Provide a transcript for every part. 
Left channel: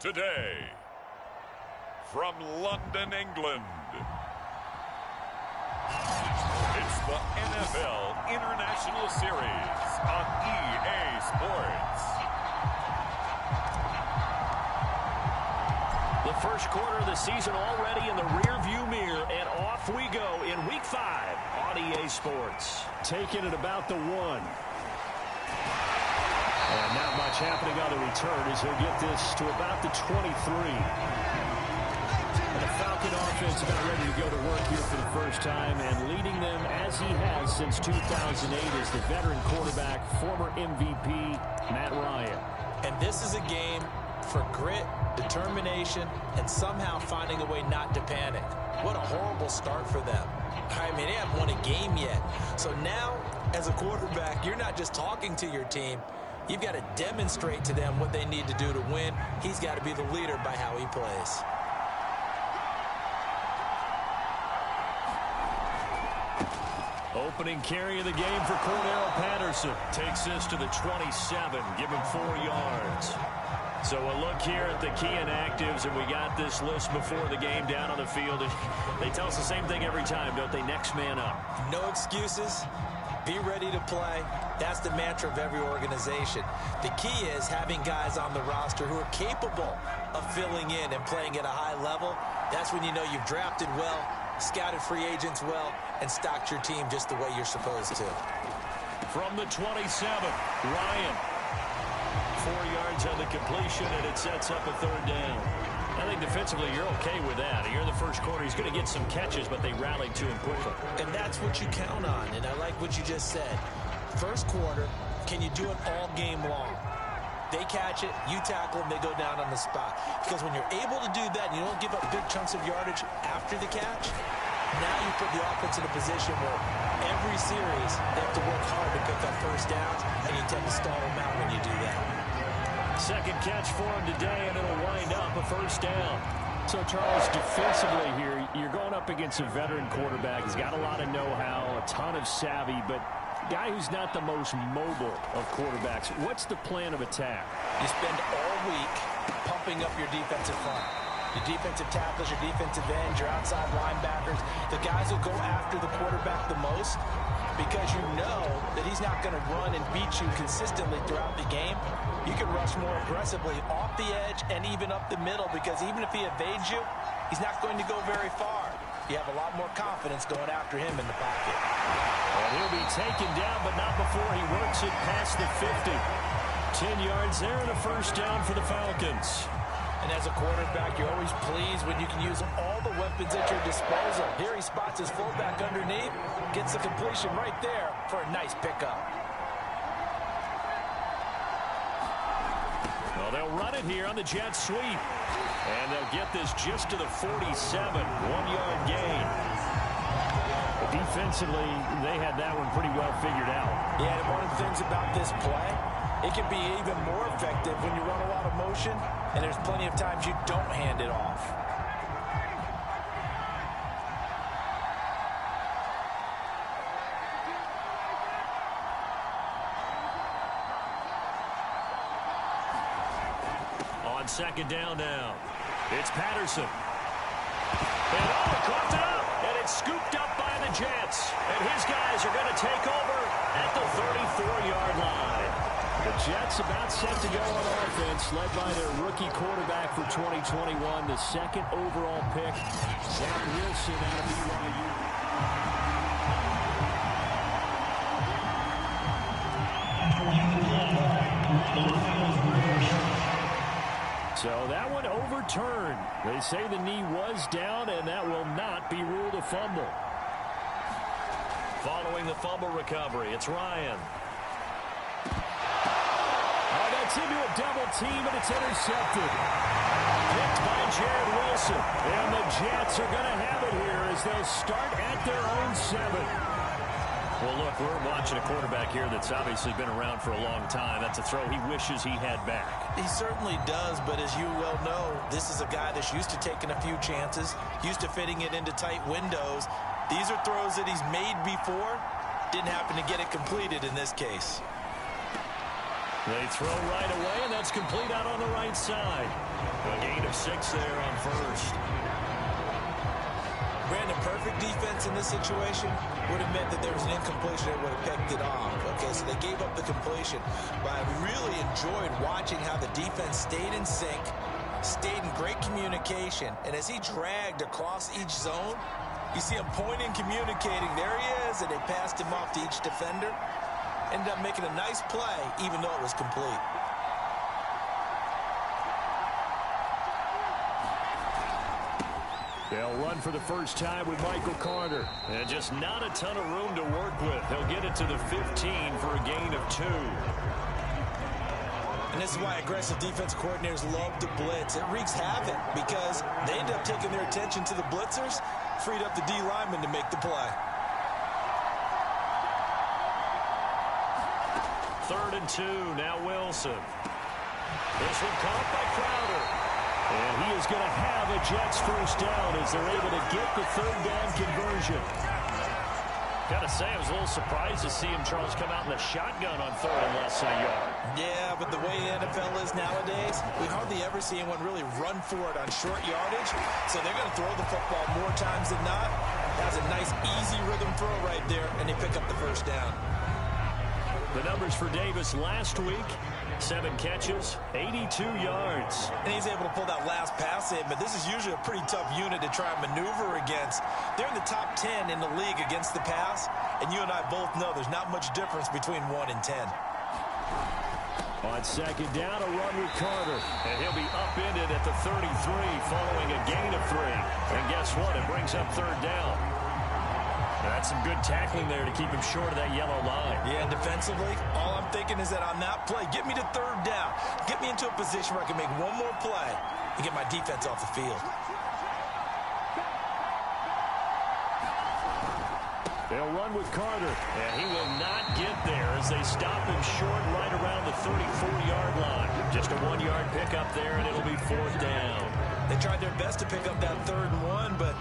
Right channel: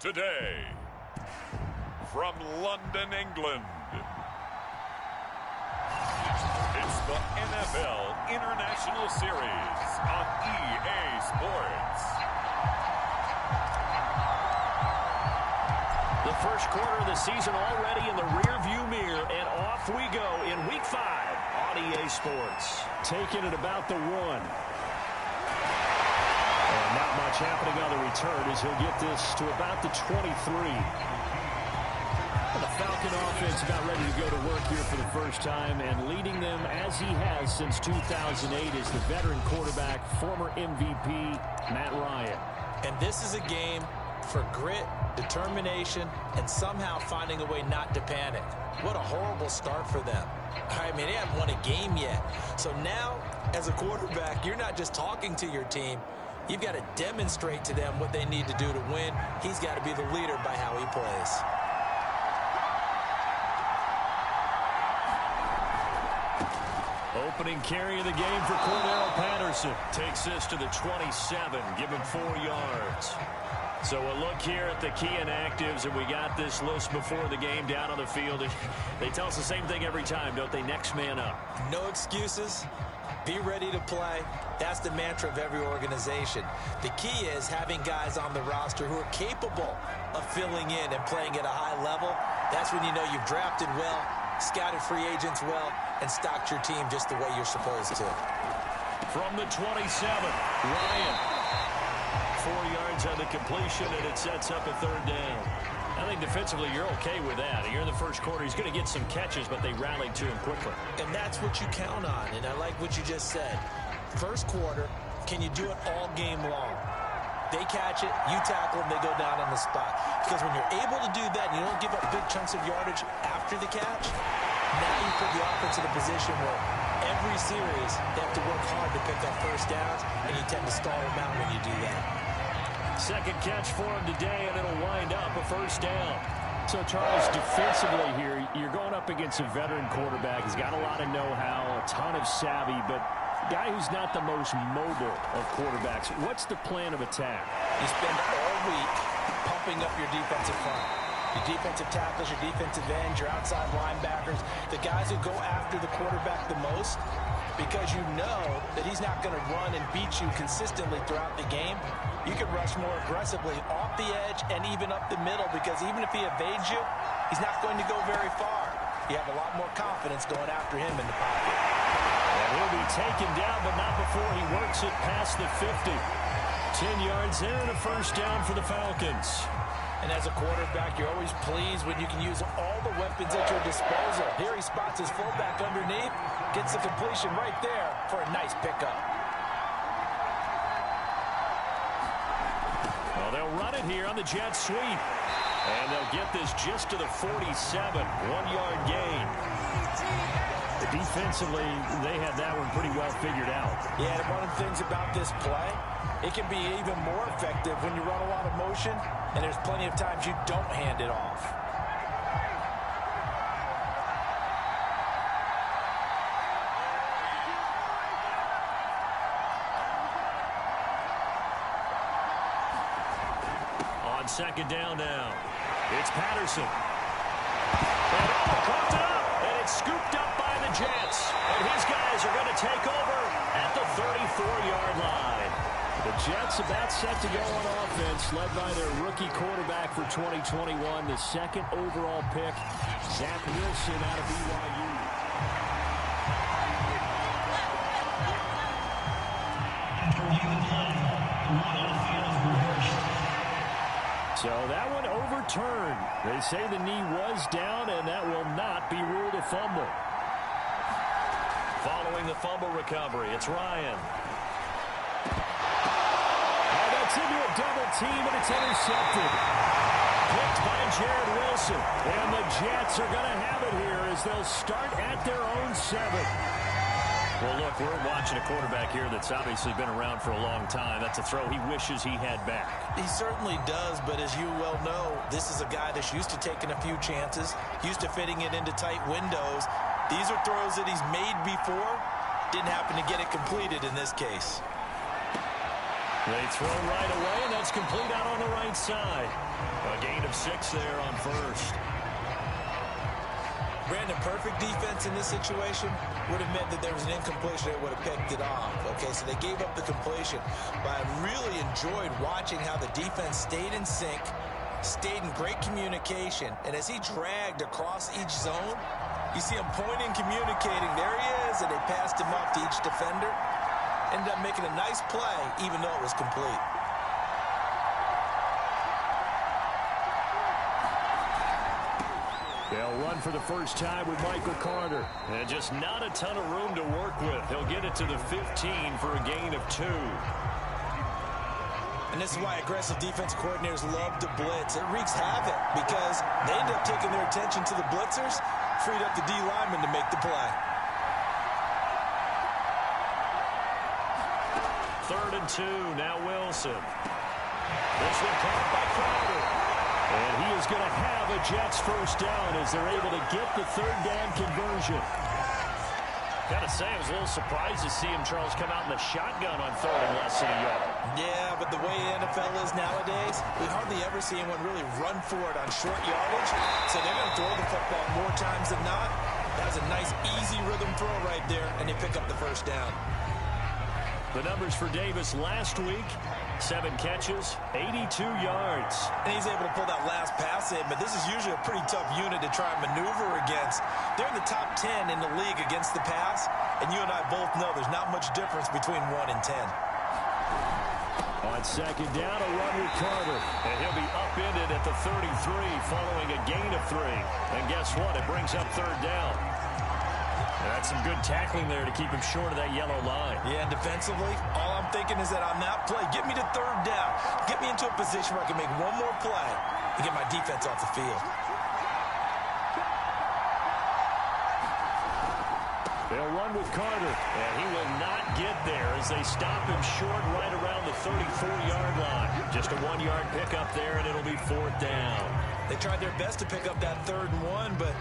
Today, from London, England, it's the NFL International Series on EA Sports. The first quarter of the season already in the rearview mirror, and off we go in Week 5 on EA Sports. Taking it about the 1. And not much happening on the return as he'll get this to about the 23. And the Falcon offense about ready to go to work here for the first time, and leading them as he has since 2008 is the veteran quarterback, former MVP, Matt Ryan. And this is a game for grit, determination, and somehow finding a way not to panic. What a horrible start for them. I mean, they haven't won a game yet. So now, as a quarterback, you're not just talking to your team. You've got to demonstrate to them what they need to do to win. He's got to be the leader by how he plays. Opening carry of the game for Cordero Patterson. Takes this to the 27, give him 4 yards. So a look here at the key inactives, and we got this list before the game down on the field. They tell us the same thing every time, don't they? Next man up. No excuses. Be ready to play. That's the mantra of every organization. The key is having guys on the roster who are capable of filling in and playing at a high level. That's when you know you've drafted well, scouted free agents well, and stocked your team just the way you're supposed to. From the 27, Ryan. 4 yards on the completion, and it sets up a 3rd down. I think defensively you're okay with that. You're in the first quarter. He's going to get some catches, but they rallied to him quickly. And that's what you count on, and I like what you just said. First quarter, can you do it all game long? They catch it, you tackle them, they go down on the spot. Because when you're able to do that and you don't give up big chunks of yardage after the catch, now you put the offense in a position where every series they have to work hard to pick up first downs, and you tend to stall them out when you do that. Second catch for him today, and it'll wind up a 1st down. So, Charles, defensively here, you're going up against a veteran quarterback. He's got a lot of know-how, a ton of savvy, but a guy who's not the most mobile of quarterbacks. What's the plan of attack? You spend all week pumping up your defensive front. Your defensive tackles, your defensive ends, your outside linebackers, the guys who go after the quarterback the most, because you know that he's not going to run and beat you consistently throughout the game. You can rush more aggressively off the edge and even up the middle, because even if he evades you, he's not going to go very far. You have a lot more confidence going after him in the pocket. And he'll be taken down, but not before he works it past the 50. 10 yards there and a 1st down for the Falcons. And as a quarterback, you're always pleased when you can use all the weapons at your disposal. Here he spots his fullback underneath, gets the completion right there for a nice pickup. Well, they'll run it here on the jet sweep. And they'll get this just to the 47, 1-yard gain. Defensively, they had that one pretty well figured out. Yeah, and one of the things about this play, it can be even more effective when you run a lot of motion, and there's plenty of times you don't hand it off. On 2nd down now, it's Patterson. And coughed it up, and it's scooped up by the Jets. And his guys are going to take over at the 34-yard line. The Jets about set to go on offense, led by their rookie quarterback for 2021, the 2nd overall pick, Zach Wilson out of BYU. So that one overturned. They say the knee was down, and that will not be ruled a fumble. Following the fumble recovery, it's Ryan. Oh, that's into a double team, and it's intercepted. Picked by Jared Wilson. And the Jets are going to have it here as they'll start at their own 7. Well, look, we're watching a quarterback here that's obviously been around for a long time. That's a throw he wishes he had back. He certainly does, but as you well know, this is a guy that's used to taking a few chances, used to fitting it into tight windows. These are throws that he's made before. Didn't happen to get it completed in this case. They throw right away, and that's complete out on the right side. A gain of 6 there on first. Brandon, perfect defense in this situation would have meant that there was an incompletion that would have picked it off. Okay, so they gave up the completion. But I really enjoyed watching how the defense stayed in sync, stayed in great communication, and as he dragged across each zone, you see him pointing, communicating. There he is, and they passed him off to each defender. Ended up making a nice play, even though it was complete. They'll run for the first time with Michael Carter. And just not a ton of room to work with. He'll get it to the 15 for a gain of 2. And this is why aggressive defense coordinators love to blitz. It wreaks havoc because they end up taking their attention to the blitzers, freed up the D lineman to make the play. 3rd and 2, now Wilson. This one caught by Crowder. And he is going to have a Jets first down as they're able to get the 3rd down conversion. Got to say, I was a little surprised to see him, Charles, come out in the shotgun on 3rd and less than a yard. Yeah, but the way the NFL is nowadays, we hardly ever see anyone really run for it on short yardage. So they're going to throw the football more times than not. That's a nice, easy rhythm throw right there, and they pick up the first down. The numbers for Davis last week: 7 catches, 82 yards. And he's able to pull that last pass in, but this is usually a pretty tough unit to try and maneuver against. They're in the top 10 in the league against the pass, and you and I both know there's not much difference between 1 and 10. On 2nd down, a run with Carter. And he'll be upended at the 33 following a gain of 3. And guess what? It brings up 3rd down. That's some good tackling there to keep him short of that yellow line. Yeah, and defensively, all I'm thinking is that on that play, get me to 3rd down. Get me into a position where I can make one more play and get my defense off the field. They'll run with Carter, and he will not get there as they stop him short right around the 34-yard line. Just a 1-yard pickup there, and it'll be 4th down. They tried their best to pick up that 3rd and 1, but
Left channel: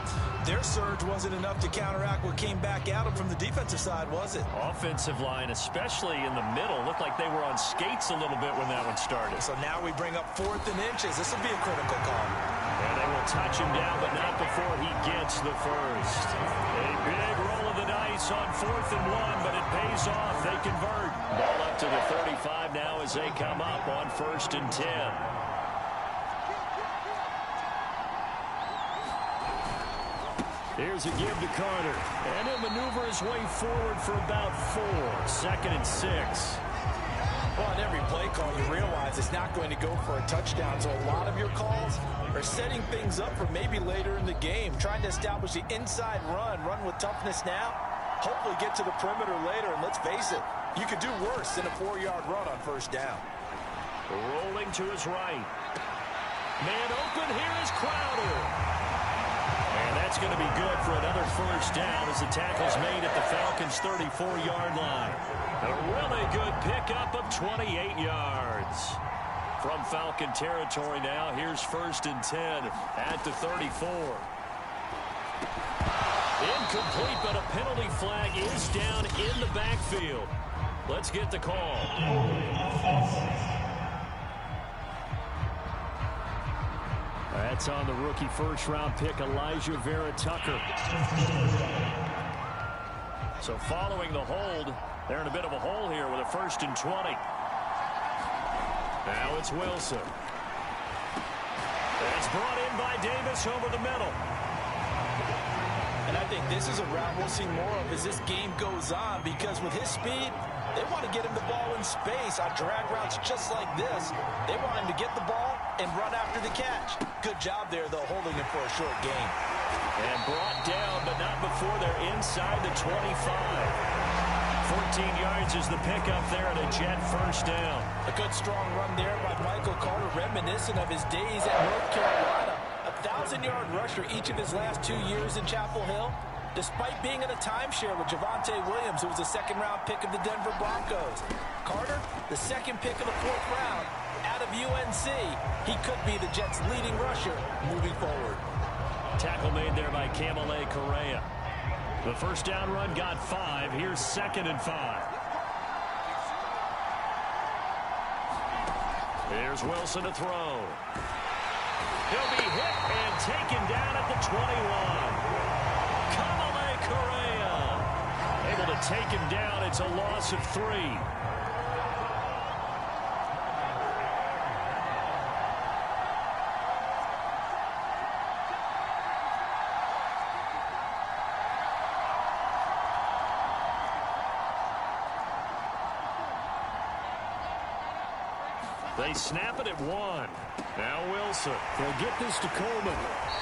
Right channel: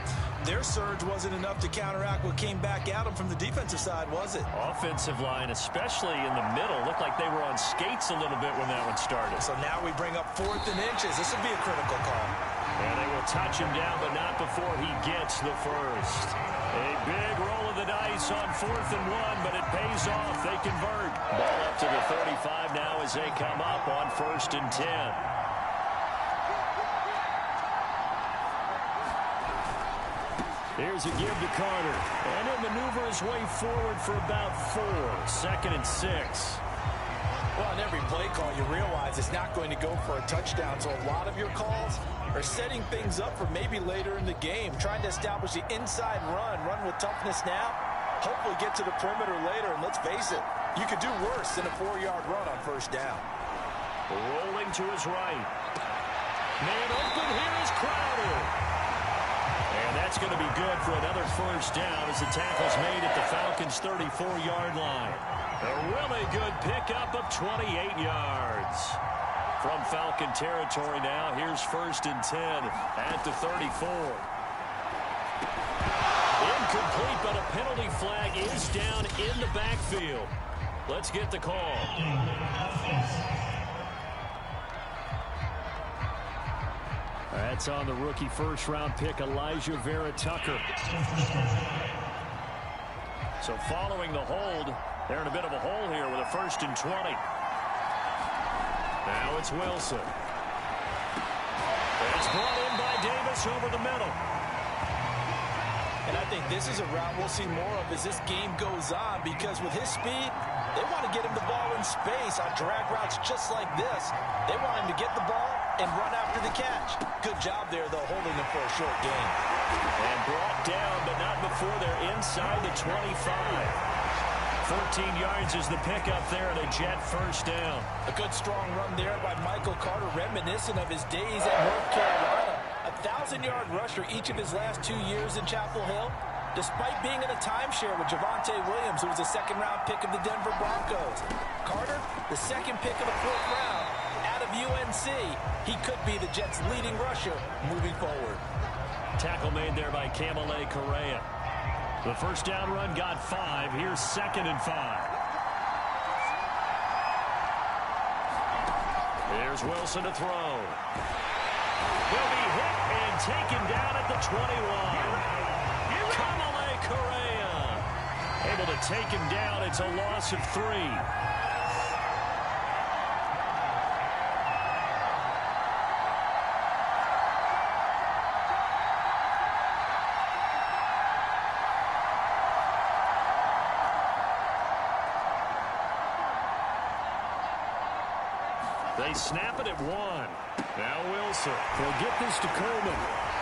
their surge wasn't enough to counteract what came back at them from the defensive side, was it? Offensive line, especially in the middle, looked like they were on skates a little bit when that one started. So now we bring up 4th and inches. This will be a critical call. And they will touch him down, but not before he gets the first. A big roll of the dice on 4th and 1, but it pays off. They convert. Ball up to the 35 now as they come up on 1st and 10. Here's a give to Carter, and he'll maneuver his way forward for about 4. 2nd and 6. Well, on every play call, you realize it's not going to go for a touchdown, so a lot of your calls are setting things up for maybe later in the game, trying to establish the inside run with toughness now, hopefully get to the perimeter later, and let's face it, you could do worse than a 4-yard run on 1st down. Rolling to his right. Man open, here is Crowder. And that's going to be good for another 1st down as the tackle's made at the Falcons' 34-yard line. A really good pickup of 28 yards. From Falcon territory now, here's 1st and 10 at the 34. Incomplete, but a penalty flag is down in the backfield. Let's get the call. That's on the rookie 1st-round pick, Elijah Vera Tucker. So following the hold, they're in a bit of a hole here with a 1st and 20. Now it's Wilson. It's brought in by Davis over the middle. And I think this is a route we'll see more of as this game goes on, because with his speed, they want to get him the ball in space on drag routes just like this. They want him to get the ball and run after the catch. Good job there, though, holding him for a short gain. And brought down, but not before they're inside the 25. 14 yards is the pickup there and a Jet 1st down. A good strong run there by Michael Carter, reminiscent of his days at North Carolina. A 1,000-yard rusher each of his last 2 years in Chapel Hill, despite being in a timeshare with Javonte Williams, who was a 2nd-round pick of the Denver Broncos. Carter, the 2nd pick of the 4th round out of UNC. He could be the Jets' leading rusher moving forward. Tackle made there by Kamale Correa. The 1st down run got 5. Here's 2nd and 5. Here's Wilson to throw. He'll be hit and taken down at the 21. Kamale Correa able to take him down. It's a loss of 3. They snap it at 1. Now Wilson. He'll get this to Coleman.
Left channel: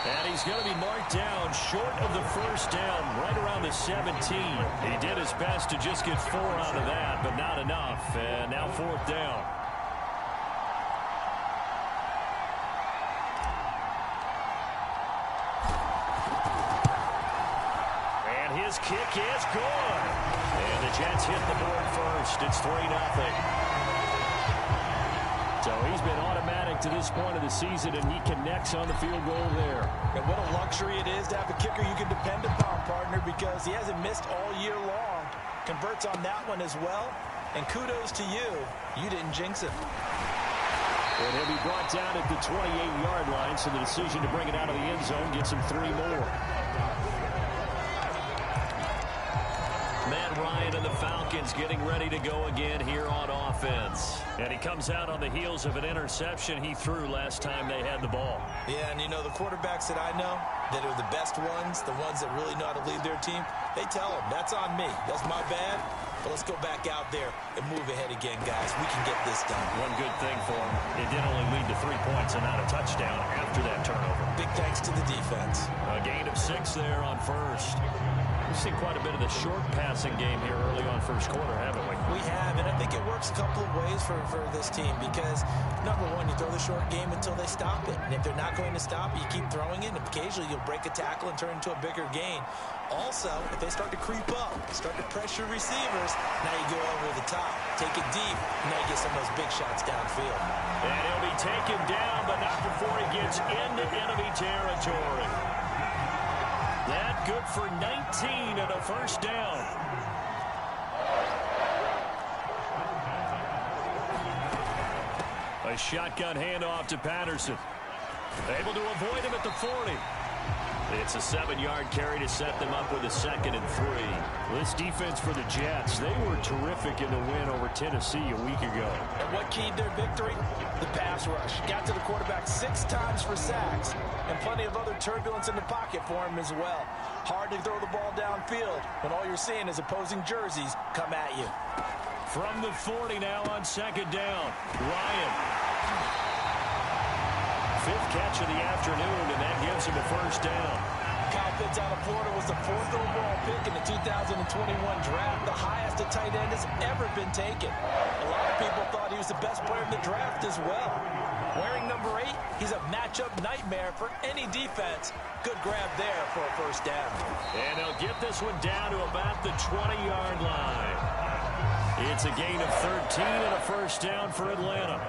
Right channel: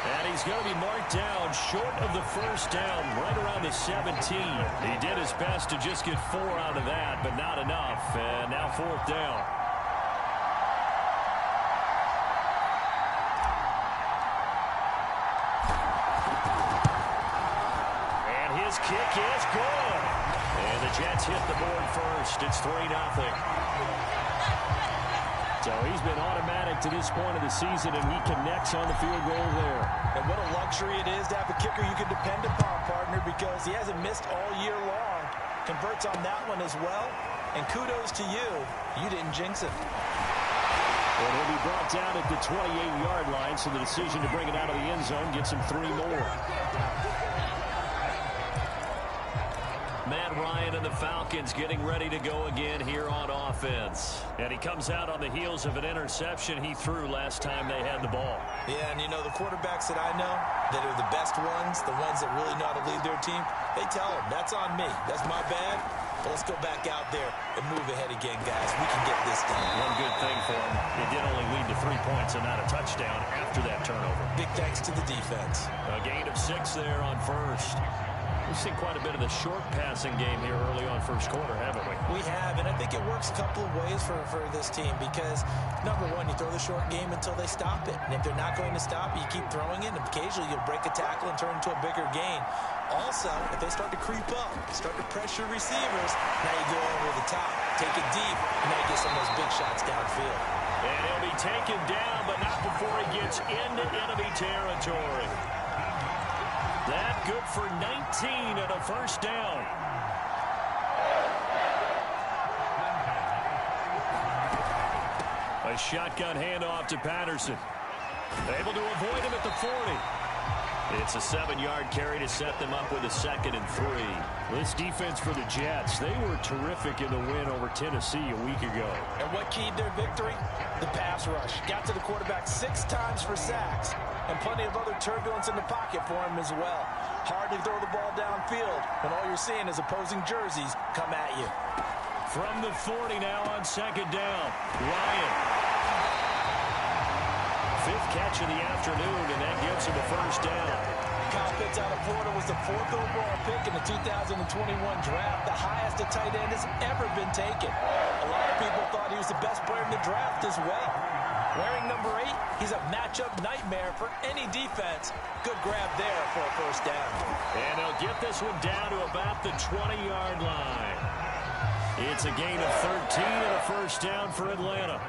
And he's going to be marked down short of the first down, right around the 17. He did his best to just get 4 out of that, but not enough. And now 4th down. And his kick is good. And the Jets hit the board first. It's 3-0. So he's been automatic to this point of the season, and he connects on the field goal there. And what a luxury it is to have a kicker you can depend upon, partner, because he hasn't missed all year long. Converts on that one as well. And kudos to you. You didn't jinx it. And he'll be brought down at the 28-yard line, so the decision to bring it out of the end zone gets him 3 more. Matt Ryan and the Falcons getting ready to go again here on offense. And he comes out on the heels of an interception he threw last time they had the ball. Yeah, and you know, the quarterbacks that I know that are the best ones, the ones that really know how to lead their team, they tell them, that's on me. That's my bad. But let's go back out there and move ahead again, guys. We can get this done. One good thing for him, it did only lead to 3 points and not a touchdown after that turnover. Big thanks to the defense. A gain of 6 there on first. We've seen quite a bit of the short passing game here early on first quarter, haven't we? We have, and I think it works a couple of ways for this team because, number one, you throw the short game until they stop it. And if they're not going to stop it, you keep throwing it, and occasionally you'll break a tackle and turn into a bigger gain. Also, if they start to creep up, start to pressure receivers, now you go over the top, take it deep, and now you get some of those big shots downfield. And he'll be taken down, but not before he gets into enemy territory. That good for 19 and a first down. A shotgun handoff to Patterson. Able to avoid him at the 40. It's a 7-yard carry to set them up with a 2nd and 3. This defense for the Jets, they were terrific in the win over Tennessee a week ago. And what keyed their victory? The pass rush. Got to the quarterback 6 times for sacks, and plenty of other turbulence in the pocket for him as well. Hard to throw the ball downfield when all you're seeing is opposing jerseys come at you. From the 40 now on 2nd down. Ryan. 5th catch of the afternoon, and that gives him a first down. Kyle Pitts out of Florida was the 4th overall pick in the 2021 draft, the highest a tight end has ever been taken. A lot of people thought he was the best player in the draft as well. Wearing number 8, he's a matchup nightmare for any defense. Good grab there for a first down. And they'll get this one down to about the 20-yard line. It's a gain of 13 and a first down for Atlanta.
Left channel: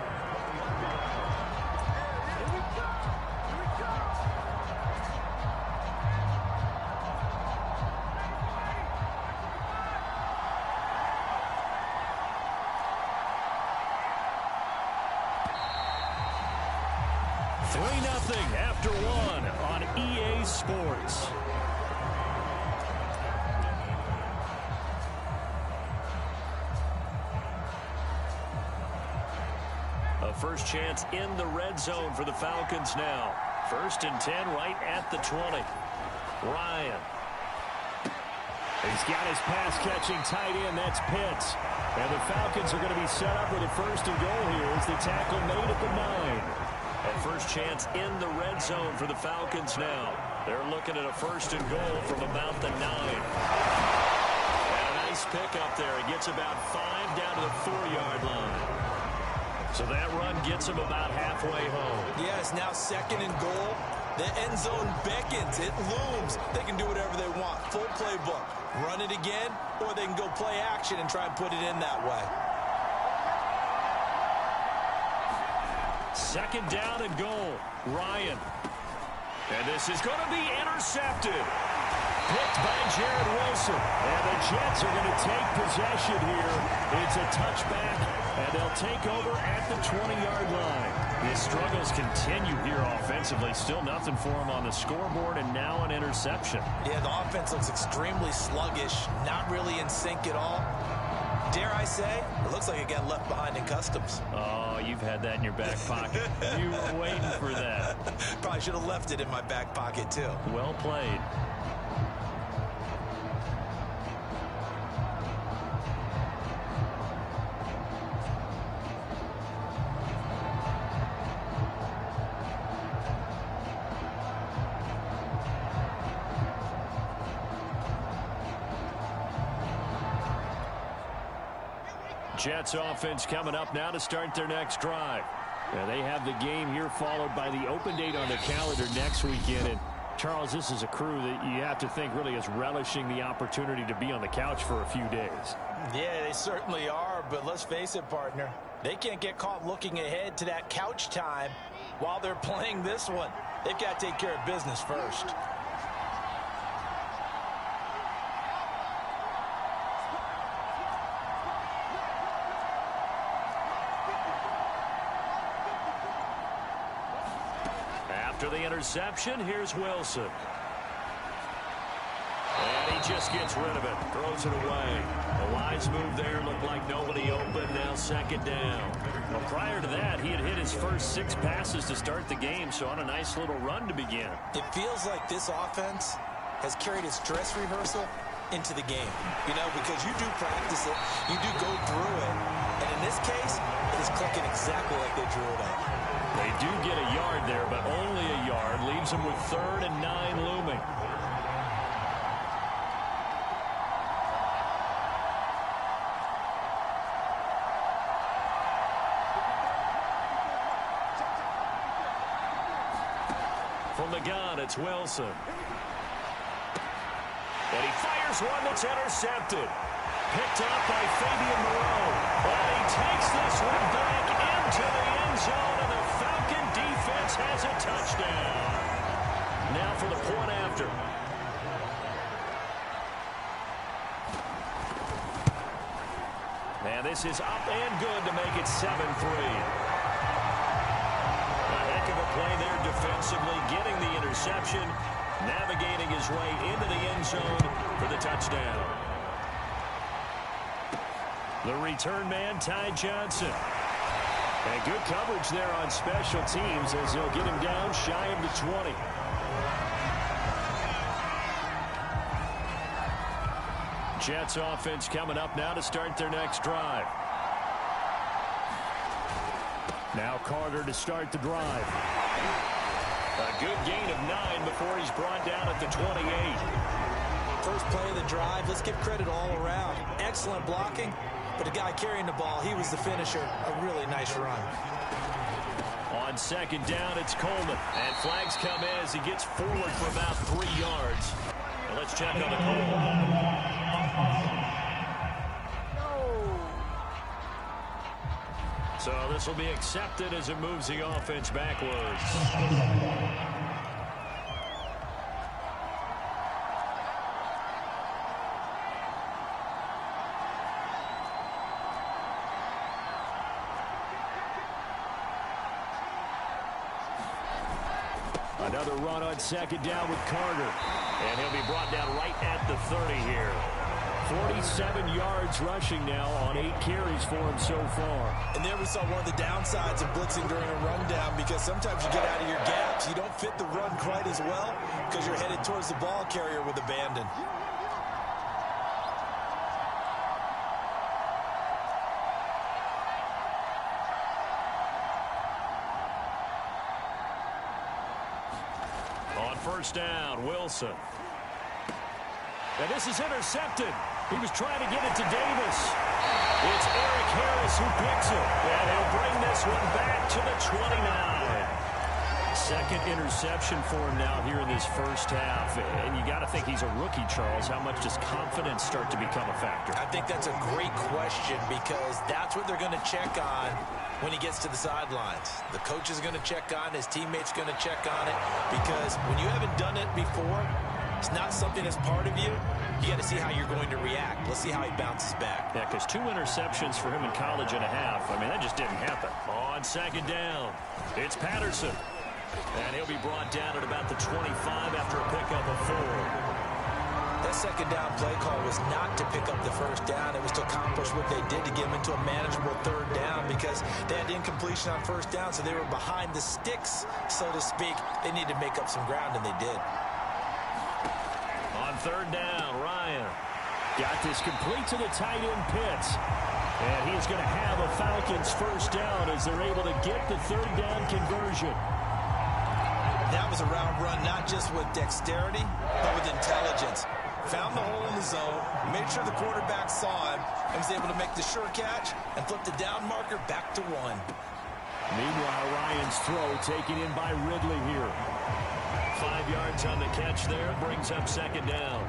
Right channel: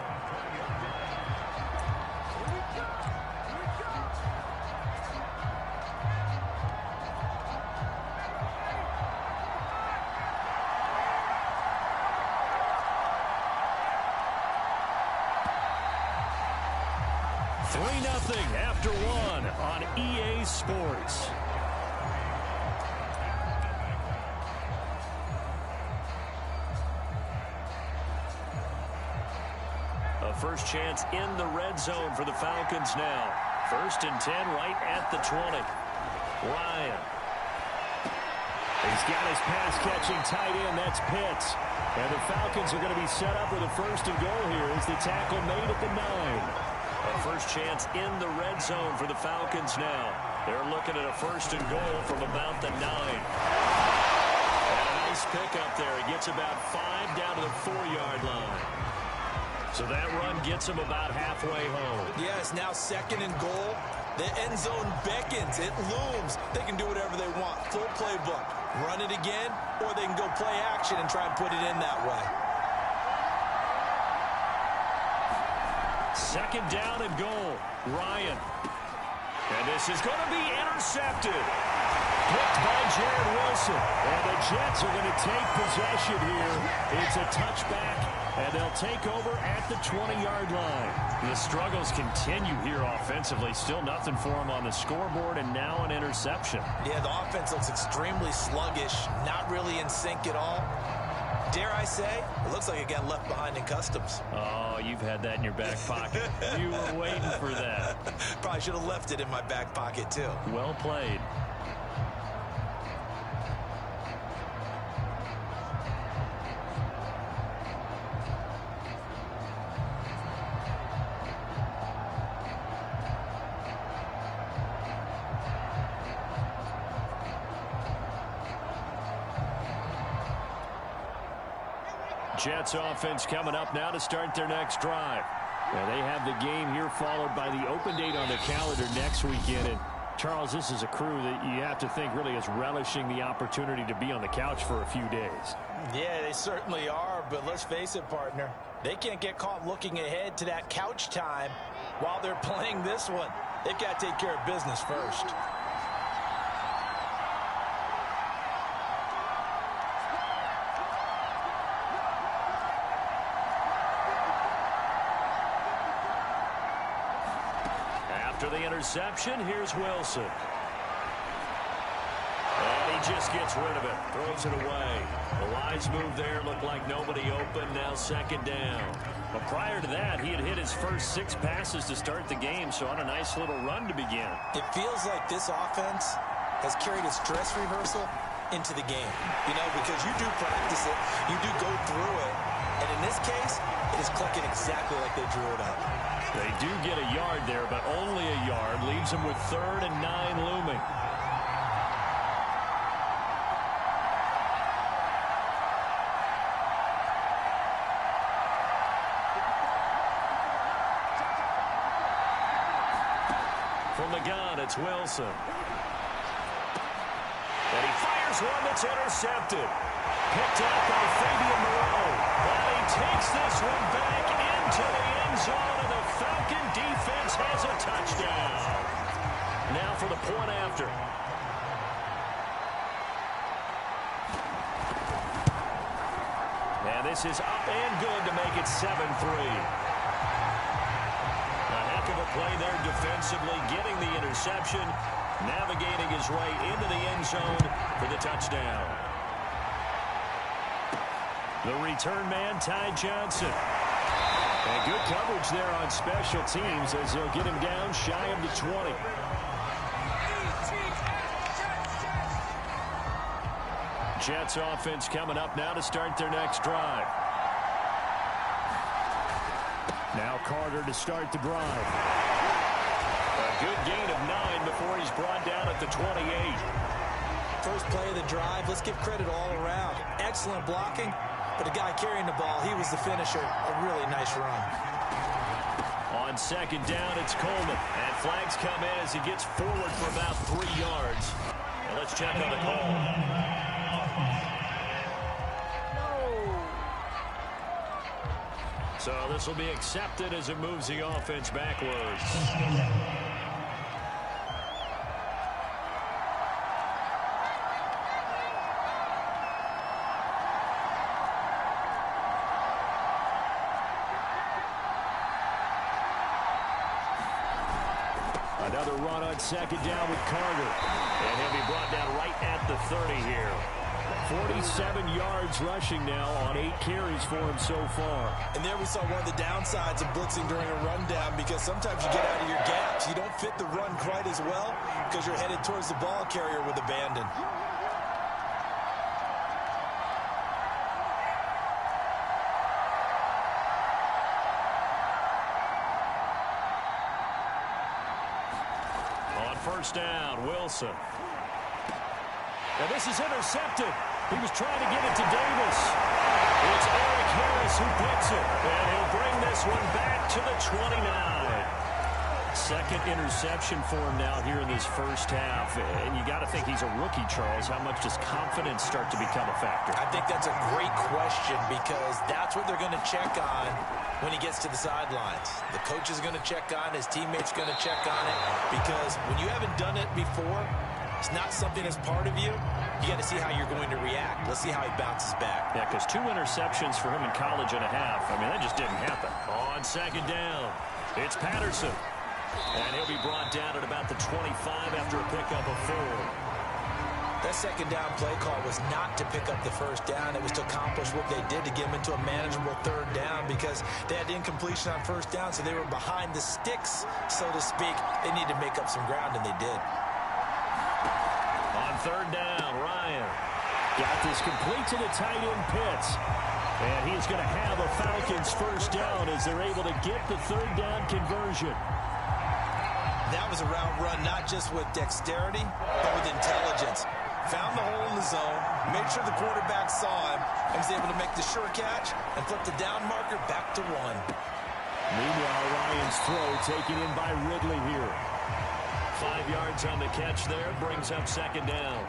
Nothing after 1 on EA Sports. A first chance in the red zone for the Falcons now. 1st and 10 right at the 20. Ryan. He's got his pass-catching tight end. That's Pitts. And the Falcons are going to be set up with a 1st and goal here as the tackle made at the 9. A first chance in the red zone for the Falcons now. They're looking at a 1st and goal from about the 9. And a nice pick up there. He gets about 5 down to the 4-yard line. So that run gets him about halfway home. Yeah, it's now 2nd and goal. The end zone beckons. It looms. They can do whatever they want. Full playbook. Run it again, or they can go play action and try and put it in that way. 2nd down and goal. Ryan. And this is going to be intercepted. Picked by Jared Wilson. And the Jets are going to take possession here. It's a touchback And they'll take over at the 20-yard line. The struggles continue here offensively. Still nothing for them on the scoreboard, and now an interception. Yeah, the offense looks extremely sluggish, not really in sync at all. Dare I say, it looks like it got left behind in customs. Oh, you've had that in your back pocket. You were waiting for that. Probably should have left it in my back pocket, too. Well played. Jets offense coming up now to start their next drive. Now they have the game here followed by the open date on their calendar next weekend. And Charles, this is a crew that you have to think really is relishing the opportunity to be on the couch for a few days. Yeah, they certainly are, but let's face it, partner. They can't get caught looking ahead to that couch time while they're playing this one. They've got to take care of business first. After the interception, here's Wilson. And he just gets rid of it. Throws it away. A wise move there. Looked like nobody open. Now second down. But prior to that, he had hit his first 6 passes to start the game, so on a nice little run to begin. It feels like this offense has carried its dress rehearsal into the game. You know, because you do practice it. You do go through it. And in this case, it is clicking exactly like they drew it up. They do get a yard there, but only a yard. Leaves them with 3rd and 9 looming. From the gun, it's Wilson. And he fires one that's intercepted. Picked up by Fabian Moreau. And he takes this one back into the end zone, and the Falcon defense has a touchdown. Now for the point after. And this is up and good to make it 7-3. A heck of a play there defensively, getting the interception, navigating his way into the end zone for the touchdown. The return man, Ty Johnson. And good coverage there on special teams as they'll get him down shy of the 20. Jets offense coming up now to start their next drive. Now Carter to start the drive. A good gain of 9 before he's brought down at the 28. First play of the drive, let's give credit all around. Excellent blocking. But the guy carrying the ball, he was the finisher. A really nice run. On second down, it's Coleman. And flags come in as he gets forward for about 3 yards. And let's check on the call. No. So this will be accepted as it moves the offense backwards. Another run on second down with Carter. And he'll be brought down right at the 30 here. 47 yards rushing now on 8 carries for him so far. And there we saw one of the downsides of blitzing during a rundown, because sometimes you get out of your gaps. You don't fit the run quite as well because you're headed towards the ball carrier with abandon. First down, Wilson. And this is intercepted. He was trying to get it to Davis. It's Eric Harris who picks it. And he'll bring this one back to the 29. Second interception for him now here in this first half. And you got to think he's a rookie, Charles. How much does confidence start to become a factor? I think that's a great question, because that's what they're going to check on when he gets to the sidelines. The coach is going to check on it. His teammates going to check on it, because when you haven't done it before, it's not something that's part of you, you got to see how you're going to react. Let's see how he bounces back. Yeah, because 2 interceptions for him in college and a half. I mean, that just didn't happen. On second down, it's Patterson. And he'll be brought down at about the 25 after a pickup of 4. That second down play call was not to pick up the first down. It was to accomplish what they did to get them into a manageable third down because they had incompletion on first down, so they were behind the sticks, so to speak. They needed to make up some ground, and they did. On third down, Ryan got this complete to the tight end Pitts. And he's going to have a Falcons first down as they're able to get the third down conversion. That was a route run not just with dexterity, but with intelligence. Found the hole in the zone, made sure the quarterback saw him, and was able to make the sure catch and flip the down marker back to 1. Meanwhile, Ryan's throw taken in by Ridley here. 5 yards on the catch there, brings up second down.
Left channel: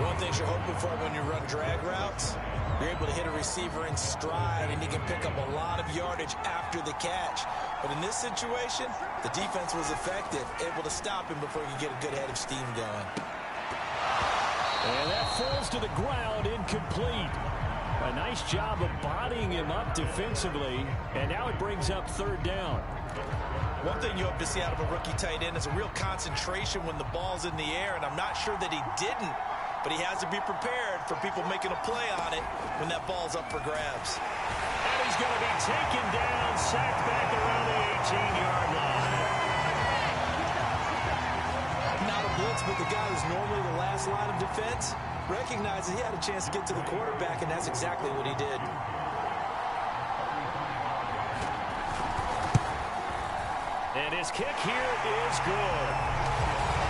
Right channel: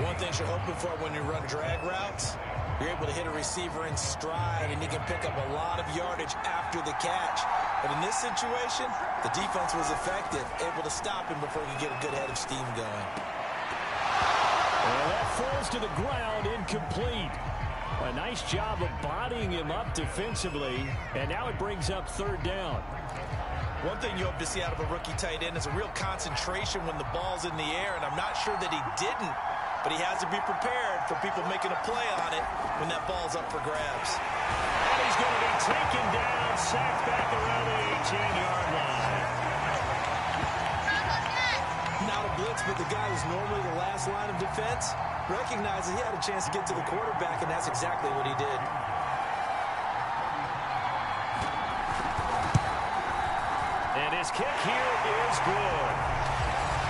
One thing you're hoping for when you run drag routes, you're able to hit a receiver in stride, and he can pick up a lot of yardage after the catch. But in this situation, the defense was effective, able to stop him before he could get a good head of steam going. And that falls to the ground, incomplete. A nice job of bodying him up defensively, and now it brings up third down. One thing you hope to see out of a rookie tight end is a real concentration when the ball's in the air, and I'm not sure that he didn't, but he has to be prepared for people making a play on it when that ball's up for grabs. And he's going to be taken down, sacked back around the 18-yard line. Not a blitz, but the guy who's normally the last line of defense recognizes he had a chance to get to the quarterback, and that's exactly what he did. And his kick here is good.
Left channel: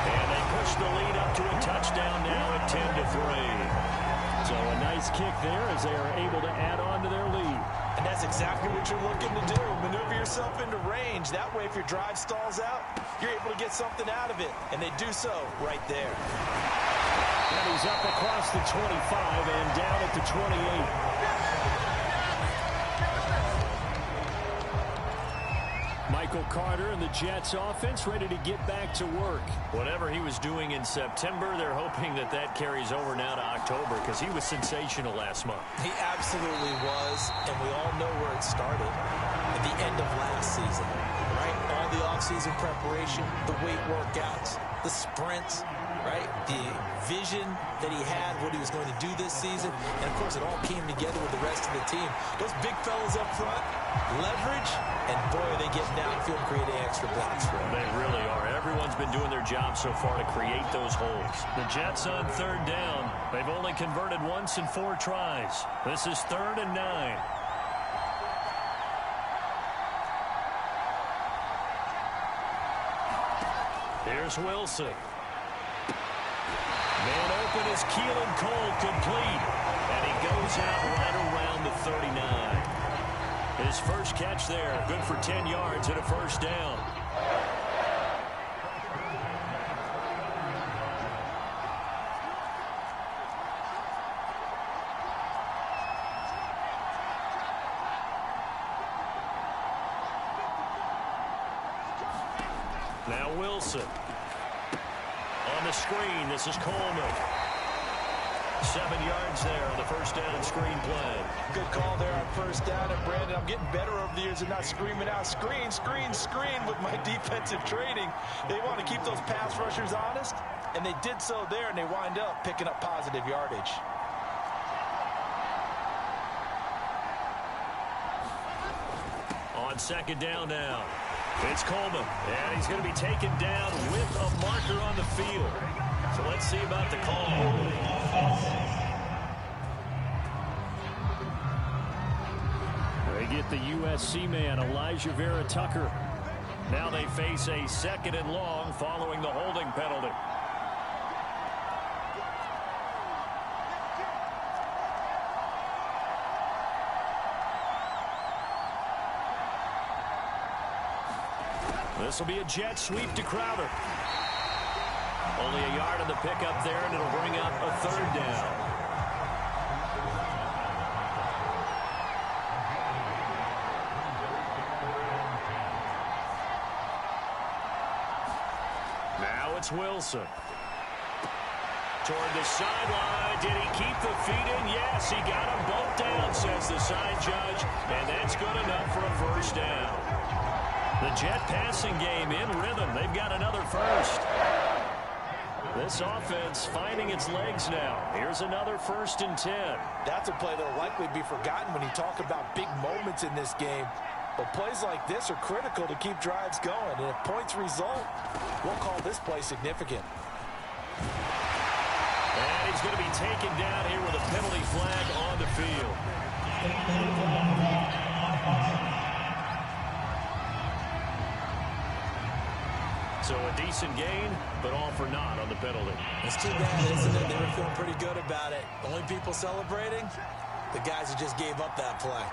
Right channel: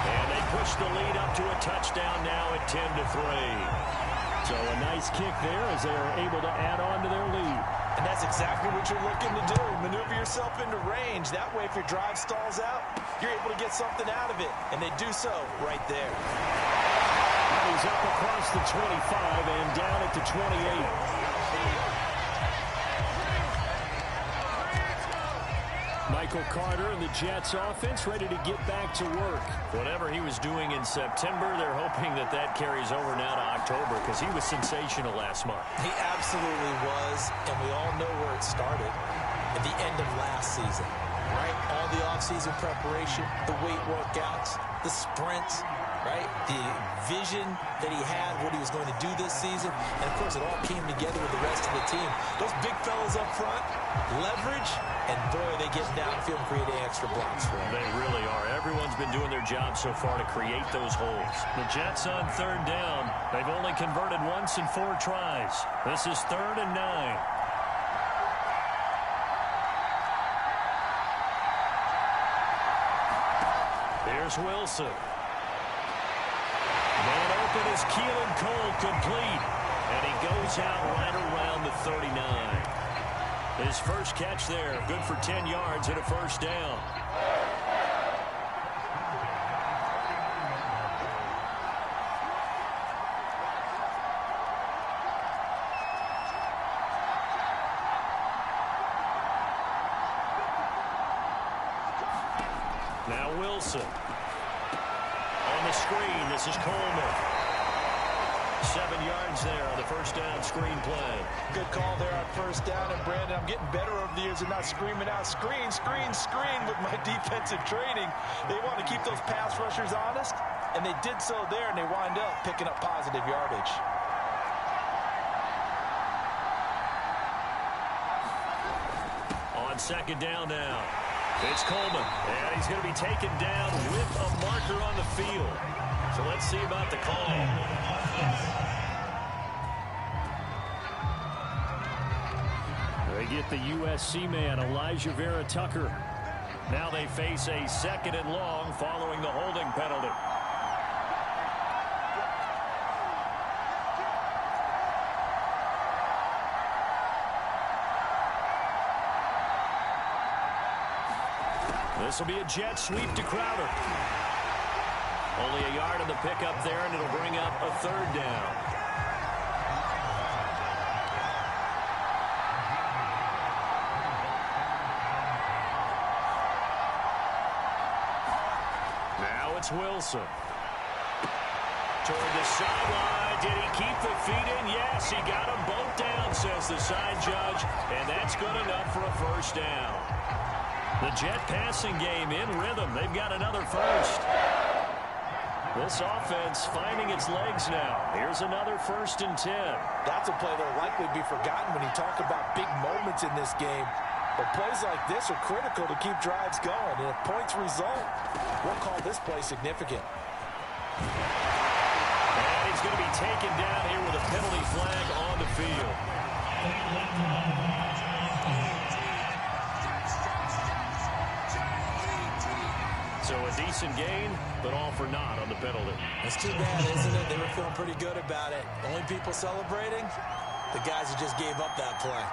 And they push the lead up to a touchdown now at 10-3. So a nice kick there as they are able to add on to their lead. And that's exactly what you're looking to do. Maneuver yourself into range. That way, if your drive stalls out, you're able to get something out of it. And they do so right there. And he's up across the 25 and down at the 28. Michael Carter and the Jets offense ready to get back to work. Whatever he was doing in September, they're hoping that that carries over now to October because he was sensational last month. He absolutely was, and we all know where it started at the end of last season, right? All the offseason preparation, the weight workouts, the sprints, right? The vision that he had, what he was going to do this season. And, of course, it all came together with the rest of the team. Those big fellas up front, leverage, and, boy, are they getting downfield and creating extra blocks for them. They really are. Everyone's been doing their job so far to create those holes. The Jets on third down. They've only converted once in 4 tries. This is 3rd and 9. Here's Wilson. Man open is Keelan Cole, complete. And he goes out right around the 39. His first catch there, good for 10 yards and a first down. Now Wilson. On the screen, this is Coleman. 7 yards there on the first down screen play. Good call there on first down. And, Brandon, I'm getting better over the years and not screaming out, screen, screen, screen with my defensive training. They want to keep those pass rushers honest, and they did so there, and they wind up picking up positive yardage. On second down now. It's Coleman, and he's going to be taken down with a marker on the field. So let's see about the call. They get the USC man, Elijah Vera Tucker. Now they face a 2nd and long following the holding penalty. This will be a jet sweep to Crowder. Only a yard on the pickup there, and it'll bring up a 3rd down. Now it's Wilson. toward the sideline. Did he keep the feet in? Yes, he got them both down, says the side judge, and that's good enough for a first down. The Jet passing game in rhythm. They've got another first. This offense finding its legs now. Here's another 1st and 10. That's a play that will likely be forgotten when you talk about big moments in this game. But plays like this are critical to keep drives going. And if points result, we'll call this play significant. And he's going to be taken down here with a penalty flag on the field. So a decent gain, but all for naught on the penalty. It's too bad, isn't it? They were feeling pretty good about it. Only people celebrating, the guys who just gave up that play.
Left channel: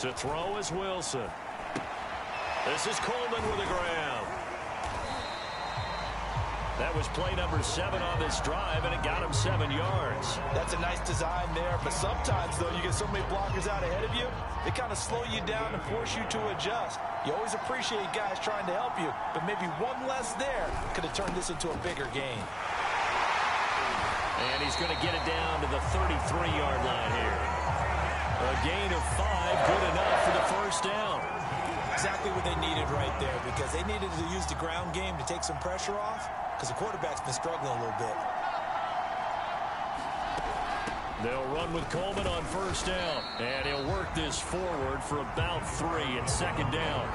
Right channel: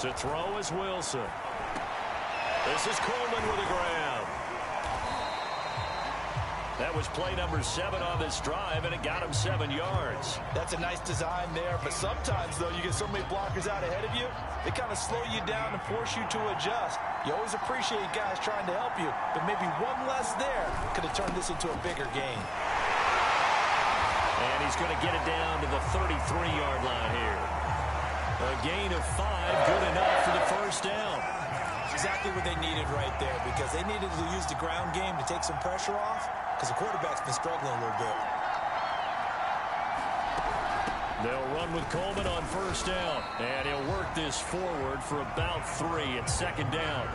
To throw is Wilson. This is Coleman with a grab. That was play number 7 on this drive, and it got him 7 yards. That's a nice design there, but sometimes, though, you get so many blockers out ahead of you, they kind of slow you down and force you to adjust. You always appreciate guys trying to help you, but maybe one less there could have turned this into a bigger gain. And he's going to get it down to the 33-yard line here. A gain of 5, good enough for the first down. Exactly what they needed right there, because they needed to use the ground game to take some pressure off, because the quarterback's been struggling a little bit. They'll run with Coleman on first down, and he'll work this forward for about 3 and 2nd down.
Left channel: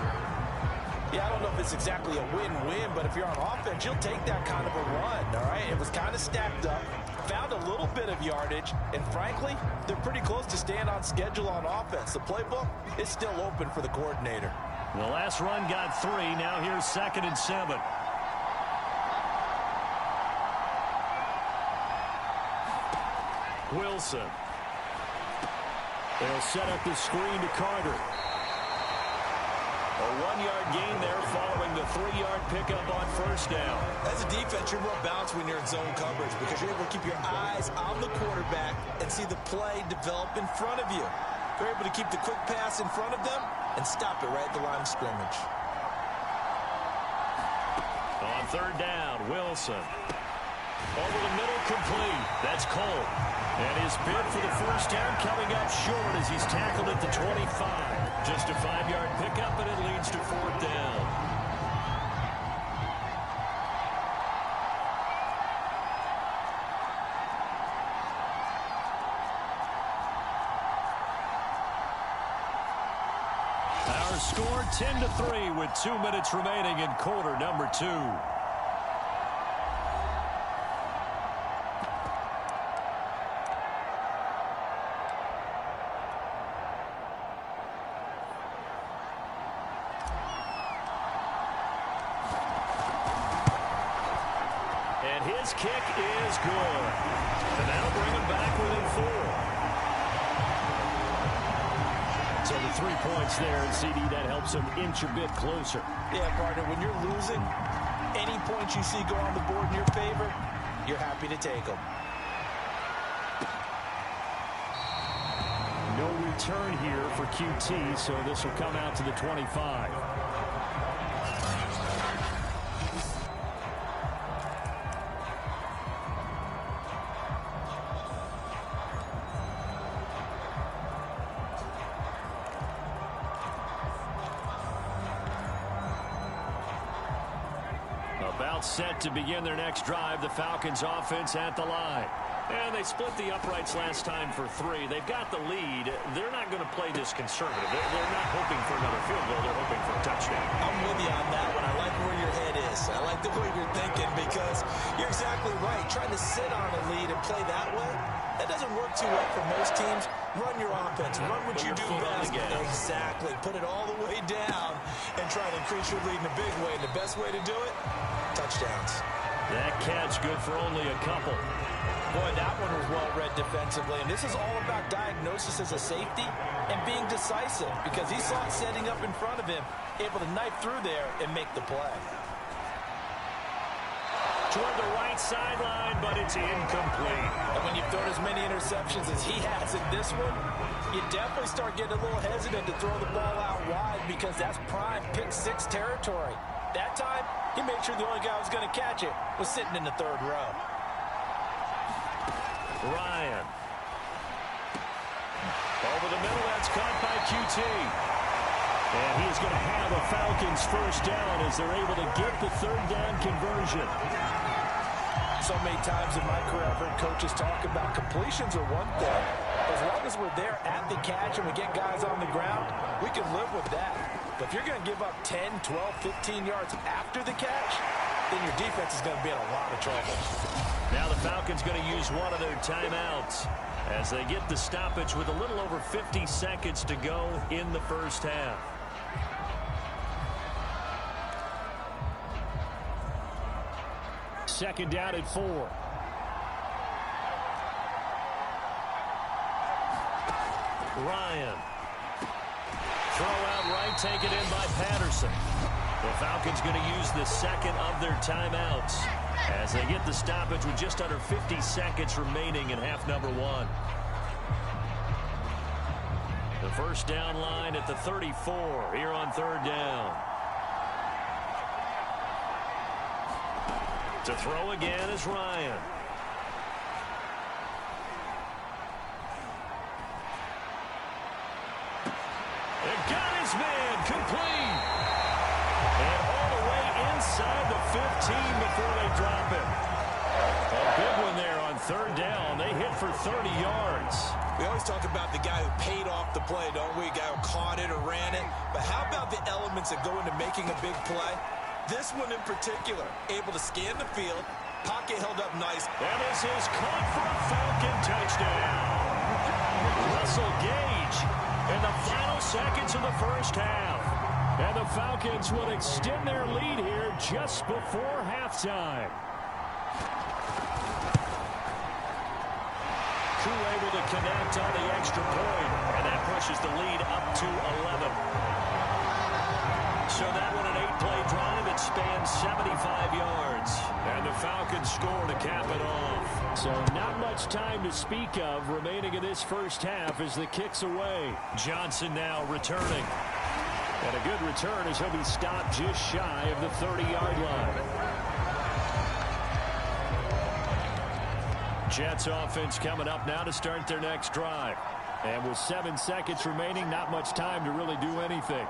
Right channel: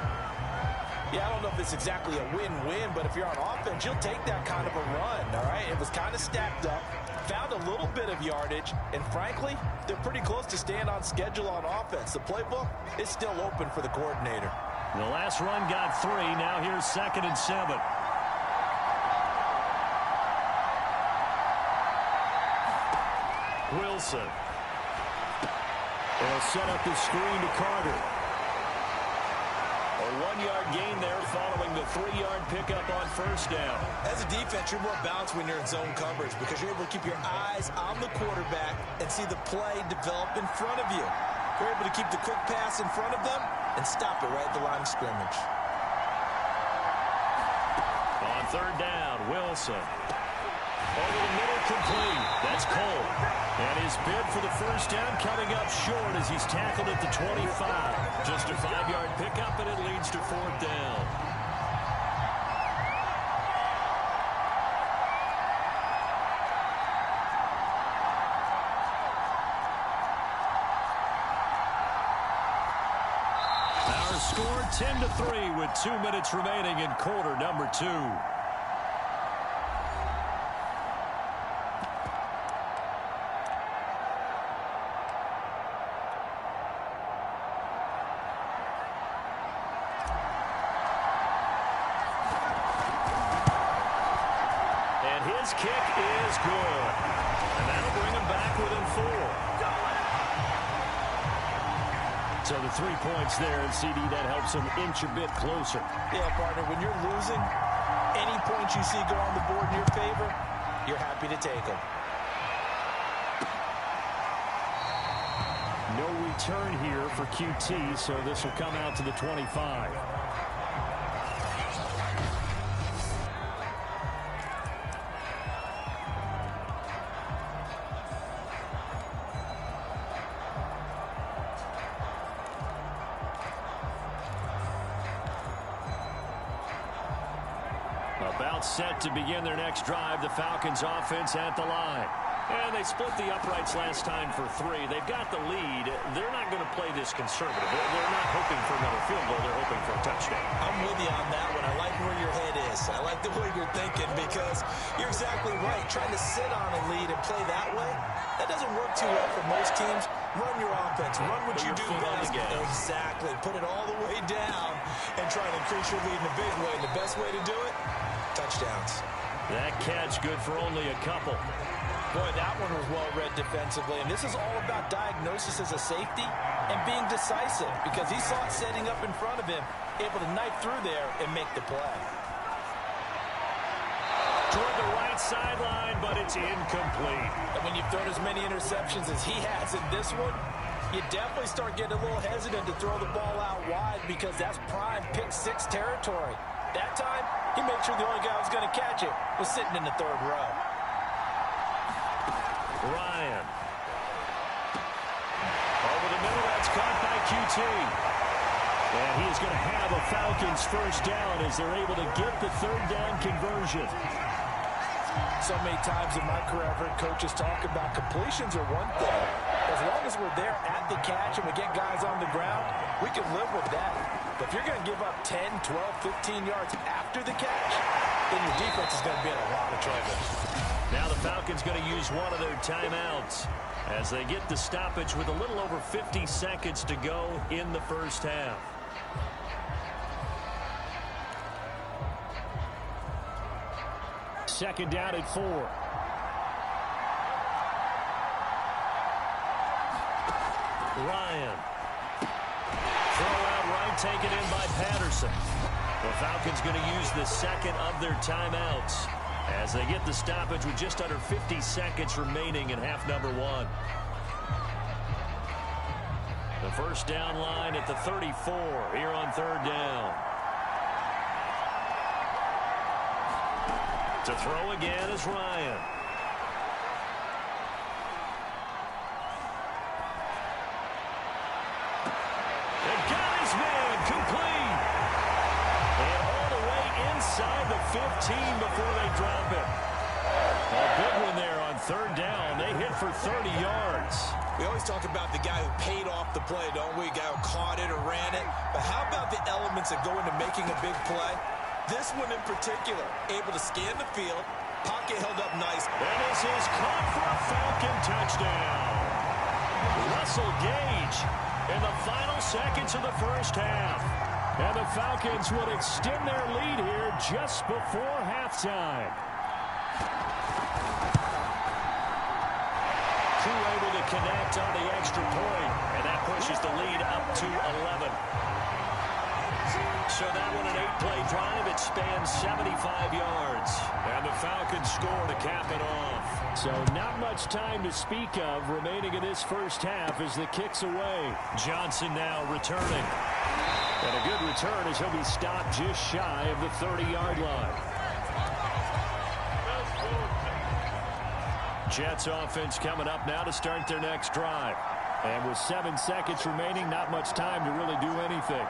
Yeah, I don't know if it's exactly a win-win, but if you're on offense, you'll take that kind of a run, all right? It was kind of stacked up, found a little bit of yardage, and frankly, they're pretty close to staying on schedule on offense. The playbook is still open for the coordinator. The last run got 3. Now here's 2nd and 7. Wilson. They'll set up the screen to Carter. A 1-yard gain there following the 3-yard pickup on first down. As a defense, you're more balanced when you're in zone coverage because you're able to keep your eyes on the quarterback and see the play develop in front of you. You're able to keep the quick pass in front of them and stop it right at the line of scrimmage. On 3rd down, Wilson. Over the middle, complete. That's Cole. And his bid for the first down coming up short as he's tackled at the 25. Just a 5-yard pickup, and it leads to 4th down. Our score 10-3 with 2 minutes remaining in quarter number 2. His kick is good. And that'll bring him back within 4. So the 3 points there, and CD, that helps him inch a bit closer. Yeah, partner, when you're losing, any points you see go on the board in your favor, you're happy to take them. No return here for QT, so this will come out to the 25. About set to begin their next drive, the Falcons offense at the line. And they split the uprights last time for 3. They've got the lead. They're not going to play this conservative. They're not hoping for another field goal. They're hoping for a touchdown. I'm with you on that one. I like where your head is. I like the way you're thinking because you're exactly right. Trying to sit on a lead and play that way, that doesn't work too well for most teams. Run your offense. Run what you do best. Exactly. Put it all the way down and try to increase your lead in a big way. And the best way to do it, touchdowns. That catch good for only a couple. Boy, that one was well read defensively. And this is all about diagnosis as a safety and being decisive because he saw it setting up in front of him, able to knife through there and make the play. toward the right sideline, but it's incomplete. And when you've thrown as many interceptions as he has in this one, you definitely start getting a little hesitant to throw the ball out wide because that's prime pick six territory. That time, he made sure the only guy who was going to catch it was sitting in the third row. Ryan. Over the middle, that's caught by QT. And he is going to have a Falcons first down as they're able to get the third down conversion. So many times in my career, I've heard coaches talk about completions are one thing. As long as we're there at the catch and we get guys on the ground, we can live with that. But if you're going to give up 10, 12, 15 yards after the catch, then your defense is going to be in a lot of trouble. Now the Falcons going to use one of their timeouts as they get the stoppage with a little over 50 seconds to go in the first half. Second down at 4. Ryan. Throw out right, taken in by Patterson. The Falcons going to use the second of their timeouts as they get the stoppage with just under 50 seconds remaining in half number 1. The first down line at the 34 here on third down. To throw again is Ryan. And got his man complete. And all the way inside the 15 before they drop him. A big one there on third down. They hit for 30 yards. We always talk about the guy who paid off the play, don't we? A guy who caught it or ran it. But how about the elements that go into making a big play? This one in particular, able to scan the field, pocket held up nice. And this is caught for a Falcon touchdown. Russell Gage in the final seconds of the first half. And the Falcons would extend their lead here just before halftime. Koo able to connect on the extra point, and that pushes the lead up to 11. So that one, an 8-play drive. It spans 75 yards. And the Falcons score to cap it off. So not much time to speak of remaining in this first half as the kick's away. Johnson now returning. And a good return as he'll be stopped just shy of the 30-yard line. Jets offense coming up now to start their next drive. And with 7 seconds remaining, not much time to really do anything.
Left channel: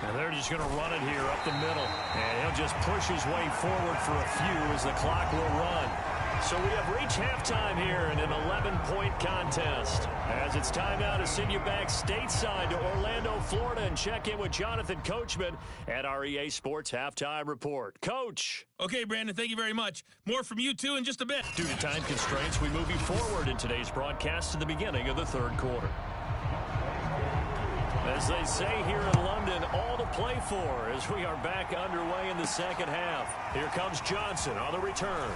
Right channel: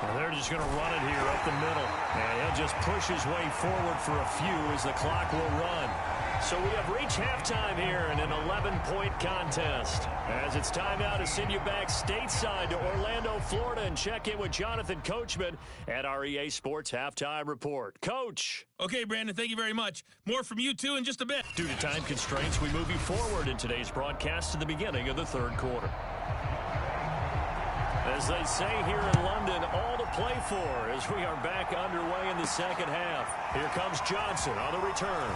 And they're just going to run it here up the middle. And he'll just push his way forward for a few as the clock will run. So we have reached halftime here in an 11-point contest. As it's time now to send you back stateside to Orlando, Florida, and check in with Jonathan Coachman at our EA Sports Halftime Report. Coach. Okay, Brandon, thank you very much. More from you two in just a bit. Due to time constraints, we move you forward in today's broadcast to the beginning of the third quarter. As they say here in London, all to play for as we are back underway in the second half. Here comes Johnson on the return.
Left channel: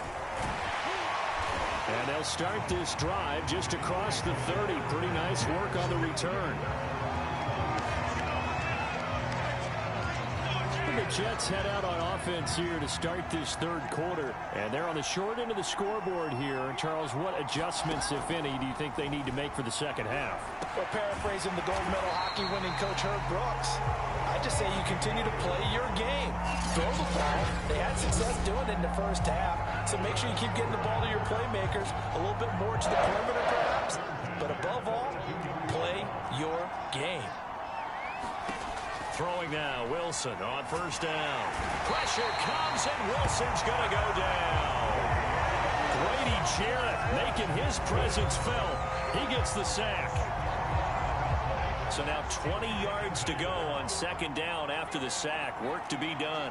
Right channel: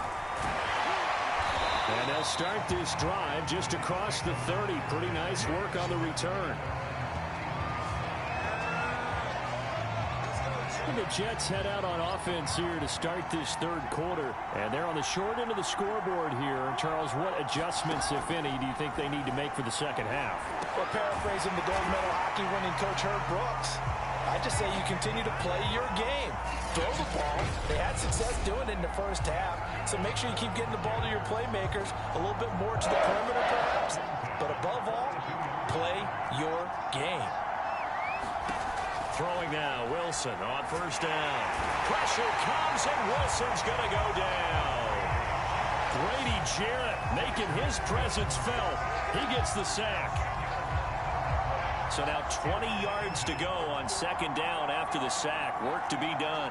And they'll start this drive just across the 30. Pretty nice work on the return. And the Jets head out on offense here to start this third quarter. And they're on the short end of the scoreboard here. Charles, what adjustments, if any, do you think they need to make for the second half? Well, paraphrasing the gold medal hockey winning coach Herb Brooks, I just say you continue to play your game. Throw the ball. They had success doing it in the first half, so make sure you keep getting the ball to your playmakers, a little bit more to the perimeter perhaps, but above all, play your game. Throwing now, Wilson on first down. Pressure comes, and Wilson's going to go down. Grady Jarrett making his presence felt. He gets the sack. So now 20 yards to go on second down after the sack. Work to be done.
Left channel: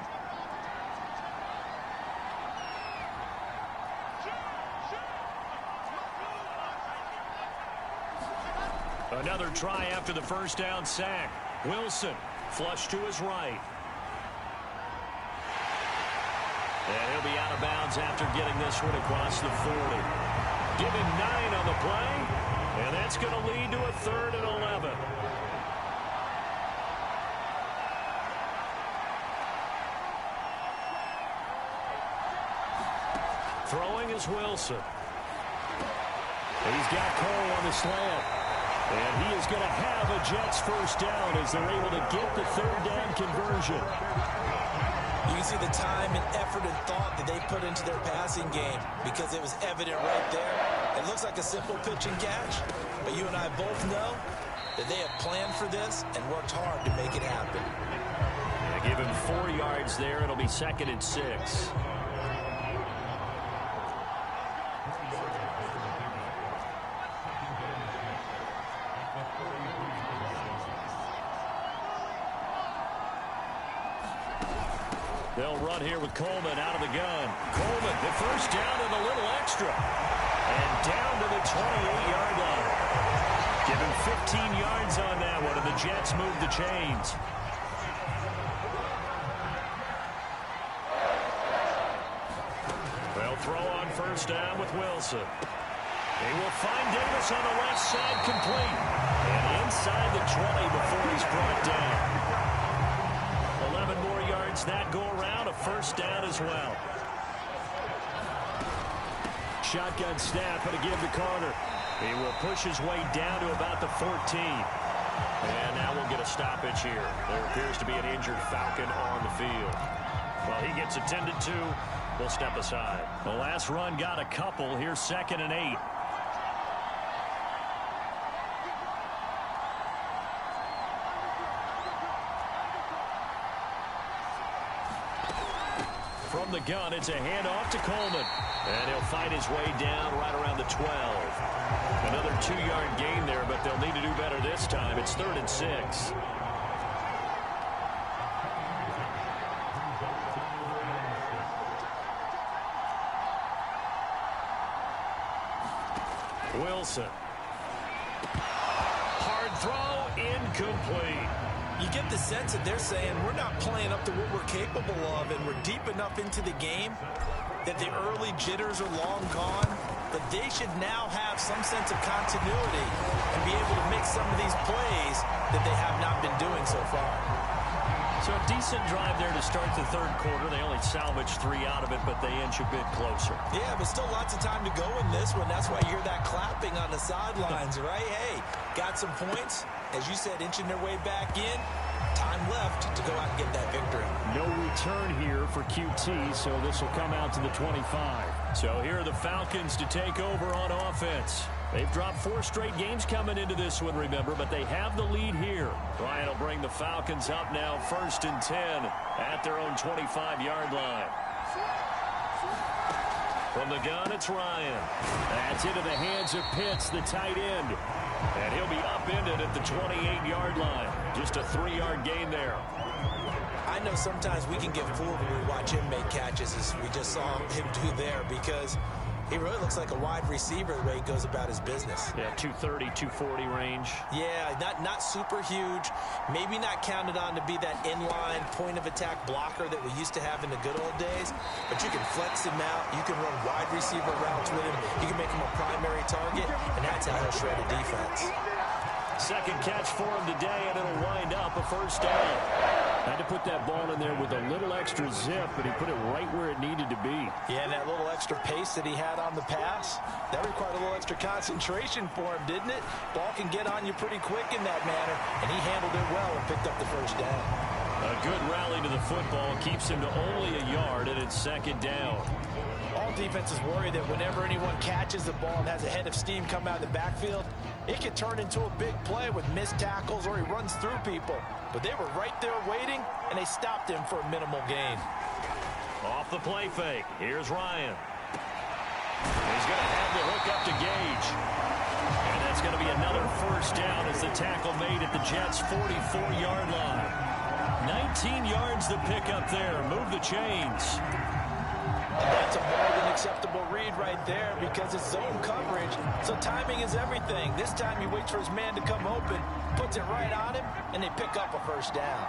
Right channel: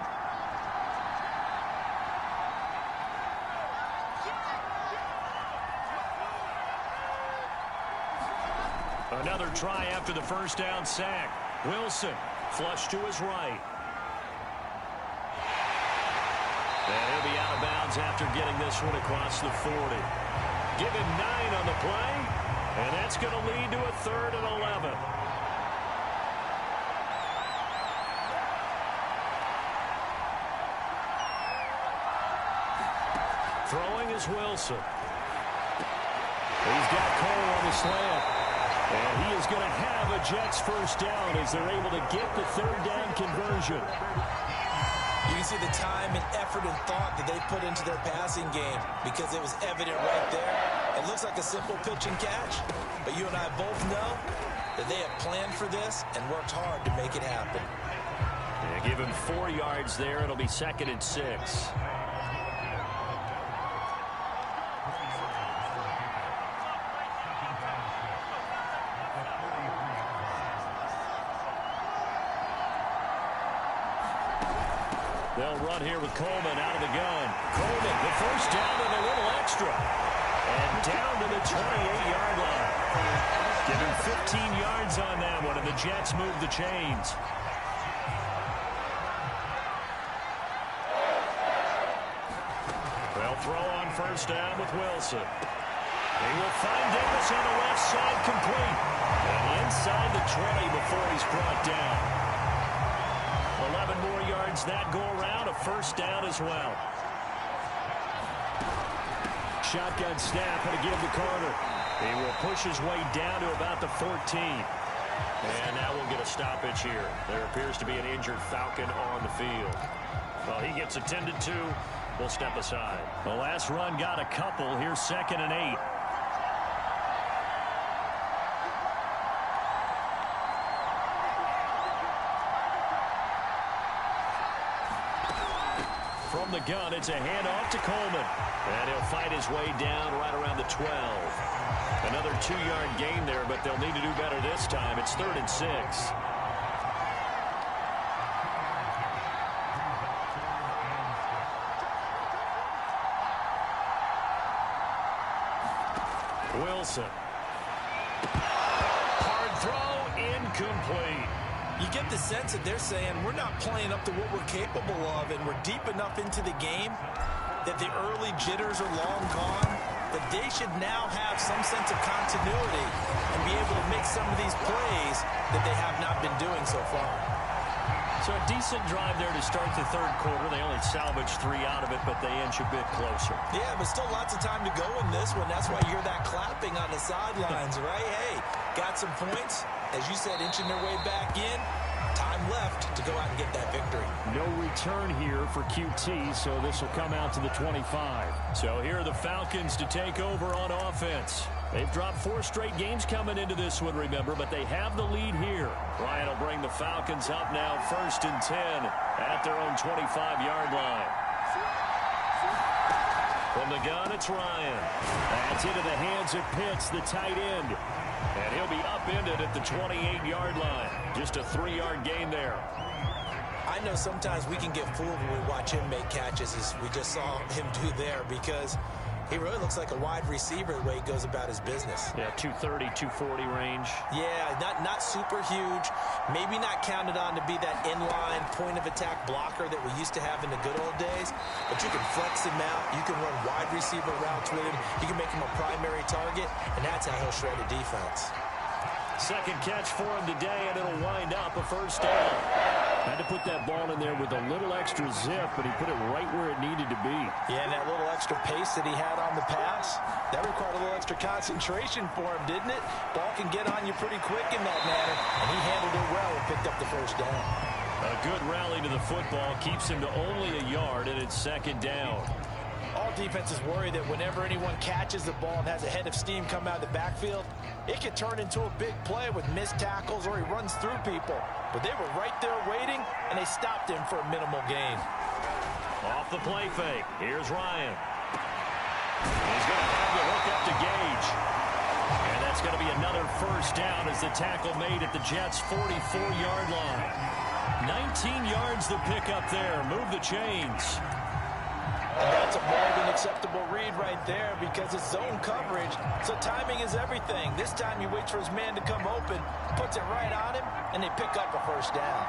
Another try after the first down sack. Wilson flush to his right. And he'll be out of bounds after getting this one across the 40. Give him 9 on the play. And that's going to lead to a 3rd and 11. Throwing is Wilson. He's got Cole on the slant. And he is going to have a Jets first down as they're able to get the third down conversion. You can see the time and effort and thought that they put into their passing game because it was evident right there. It looks like a simple pitch and catch, but you and I both know that they have planned for this and worked hard to make it happen. Yeah, give him 4 yards there. It'll be 2nd and 6. They'll run here with Coleman out of the gun. Coleman, the first down and a little extra. And down to the 28-yard line. Give him 15 yards on that one, and the Jets move the chains. They'll throw on first down with Wilson. They will find Davis on the left side complete. And inside the 20 before he's brought down. 11 more yards that go around, a first down as well. Shotgun snap and a give to Carter. He will push his way down to about the 14. And now we'll get a stoppage here. There appears to be an injured Falcon on the field. Well, he gets attended to. We'll step aside. The last run got a couple. Here's 2nd and 8. From the gun, it's a handoff to Coleman. And he'll fight his way down right around the 12. Another 2-yard gain there, but they'll need to do better this time. It's 3rd and 6. Wilson. Hard throw, incomplete. You get the sense that they're saying we're not playing up to what we're capable of, and we're deep enough into the game that the early jitters are long gone, that they should now have some sense of continuity and be able to make some of these plays that they have not been doing so far. So a decent drive there to start the third quarter. They only salvaged 3 out of it, but they inch a bit closer. Yeah, but still lots of time to go in this one. That's why you hear that clapping on the sidelines, right? Hey, got some points. As you said, inching their way back in. Time left to go out and get that victory. No return here for QT, so this will come out to the 25. So here are the Falcons to take over on offense. They've dropped 4 straight games coming into this one, remember, but they have the lead here. Ryan will bring the Falcons up now 1st and 10 at their own 25-yard line. From the gun, it's Ryan. That's into the hands of Pitts, the tight end. And he'll be upended at the 28-yard line. Just a 3-yard gain there. I know sometimes we can get fooled when we watch him make catches, as we just saw him do there, because he really looks like a wide receiver the way he goes about his business. Yeah, 230, 240 range. Yeah, not super huge. Maybe not counted on to be that inline point-of-attack blocker that we used to have in the good old days. But you can flex him out. You can run wide receiver routes with him. You can make him a primary target, and that's how he'll shred a defense. Second catch for him today, and it'll wind up a first down. Had to put that ball in there with a little extra zip, but he put it right where it needed to be. Yeah, and that little extra pace that he had on the pass, that required a little extra concentration for him, didn't it? Ball can get on you pretty quick in that manner, and he handled it well and picked up the first down. A good rally to the football keeps him to only a yard, and it's 2nd down. All defenses worry that whenever anyone catches the ball and has a head of steam come out of the backfield, it can turn into a big play with missed tackles or he runs through people. But they were right there waiting, and they stopped him for a minimal gain. Off the play fake. Here's Ryan. He's going to have the hook up to Gage. And that's going to be another first down as the tackle made at the Jets' 44-yard line. 19 yards to pick up there. Move the chains. And that's a more than acceptable read right there because it's zone coverage, so timing is everything. This time he waits for his man to come open, puts it right on him, and they pick up a first down.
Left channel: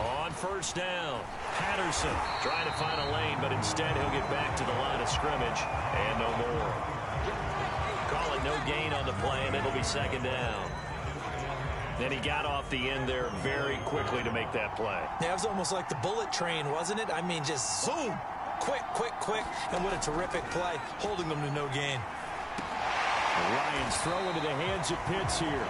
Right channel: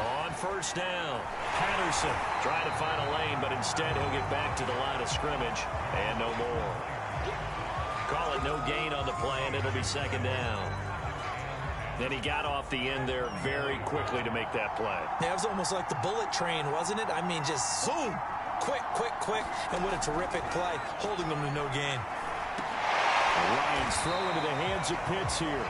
On first down, Patterson trying to find a lane, but instead he'll get back to the line of scrimmage and no more. Call it no gain on the play, and it'll be 2nd down. And he got off the end there very quickly to make that play. Yeah, it was almost like the bullet train, wasn't it? I mean, just zoom. Quick, quick, quick. And what a terrific play, holding them to no gain. Ryan's throw into the hands of Pitts here.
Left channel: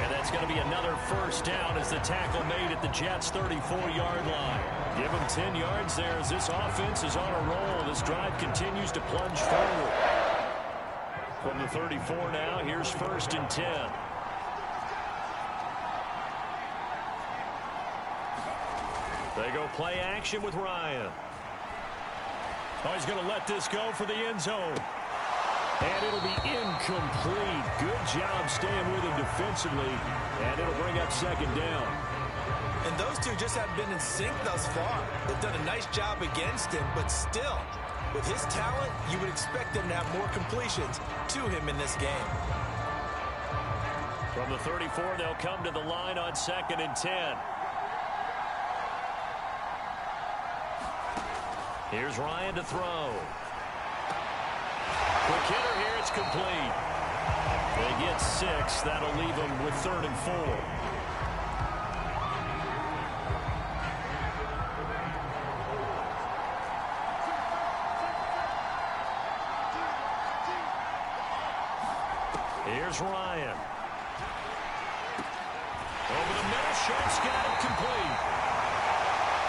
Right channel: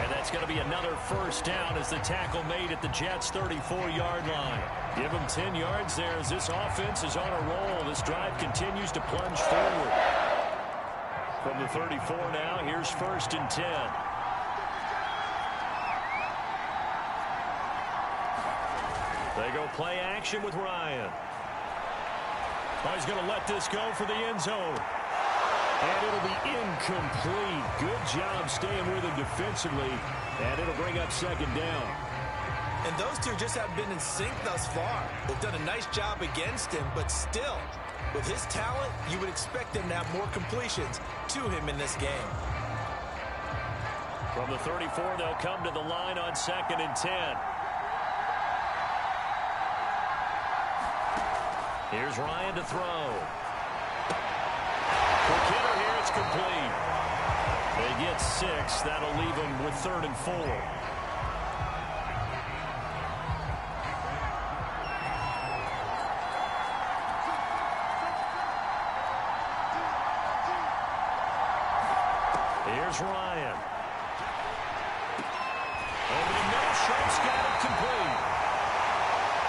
And that's going to be another first down as the tackle made at the Jets' 34-yard line. Give them 10 yards there as this offense is on a roll. This drive continues to plunge forward. From the 34 now, here's 1st and 10. They go play action with Ryan. Oh, he's going to let this go for the end zone. And it'll be incomplete. Good job staying with him defensively. And it'll bring up 2nd down. And those two just have been in sync thus far. They've done a nice job against him, but still, with his talent, you would expect them to have more completions to him in this game. From the 34, they'll come to the line on 2nd and 10. Here's Ryan to throw. Quick hitter here, it's complete. They get 6. That'll leave them with 3rd and 4. Here's Ryan. Over the middle, Sharp's got it complete.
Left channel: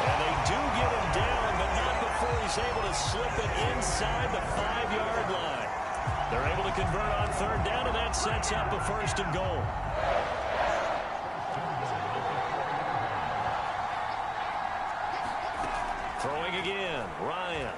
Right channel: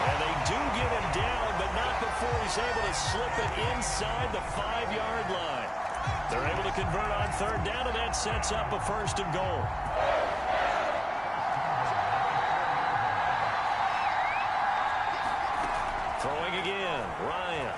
And they do get him down, but not before he's able to slip it inside the 5-yard line. They're able to convert on 3rd down, and that sets up a 1st and goal. Throwing again, Ryan.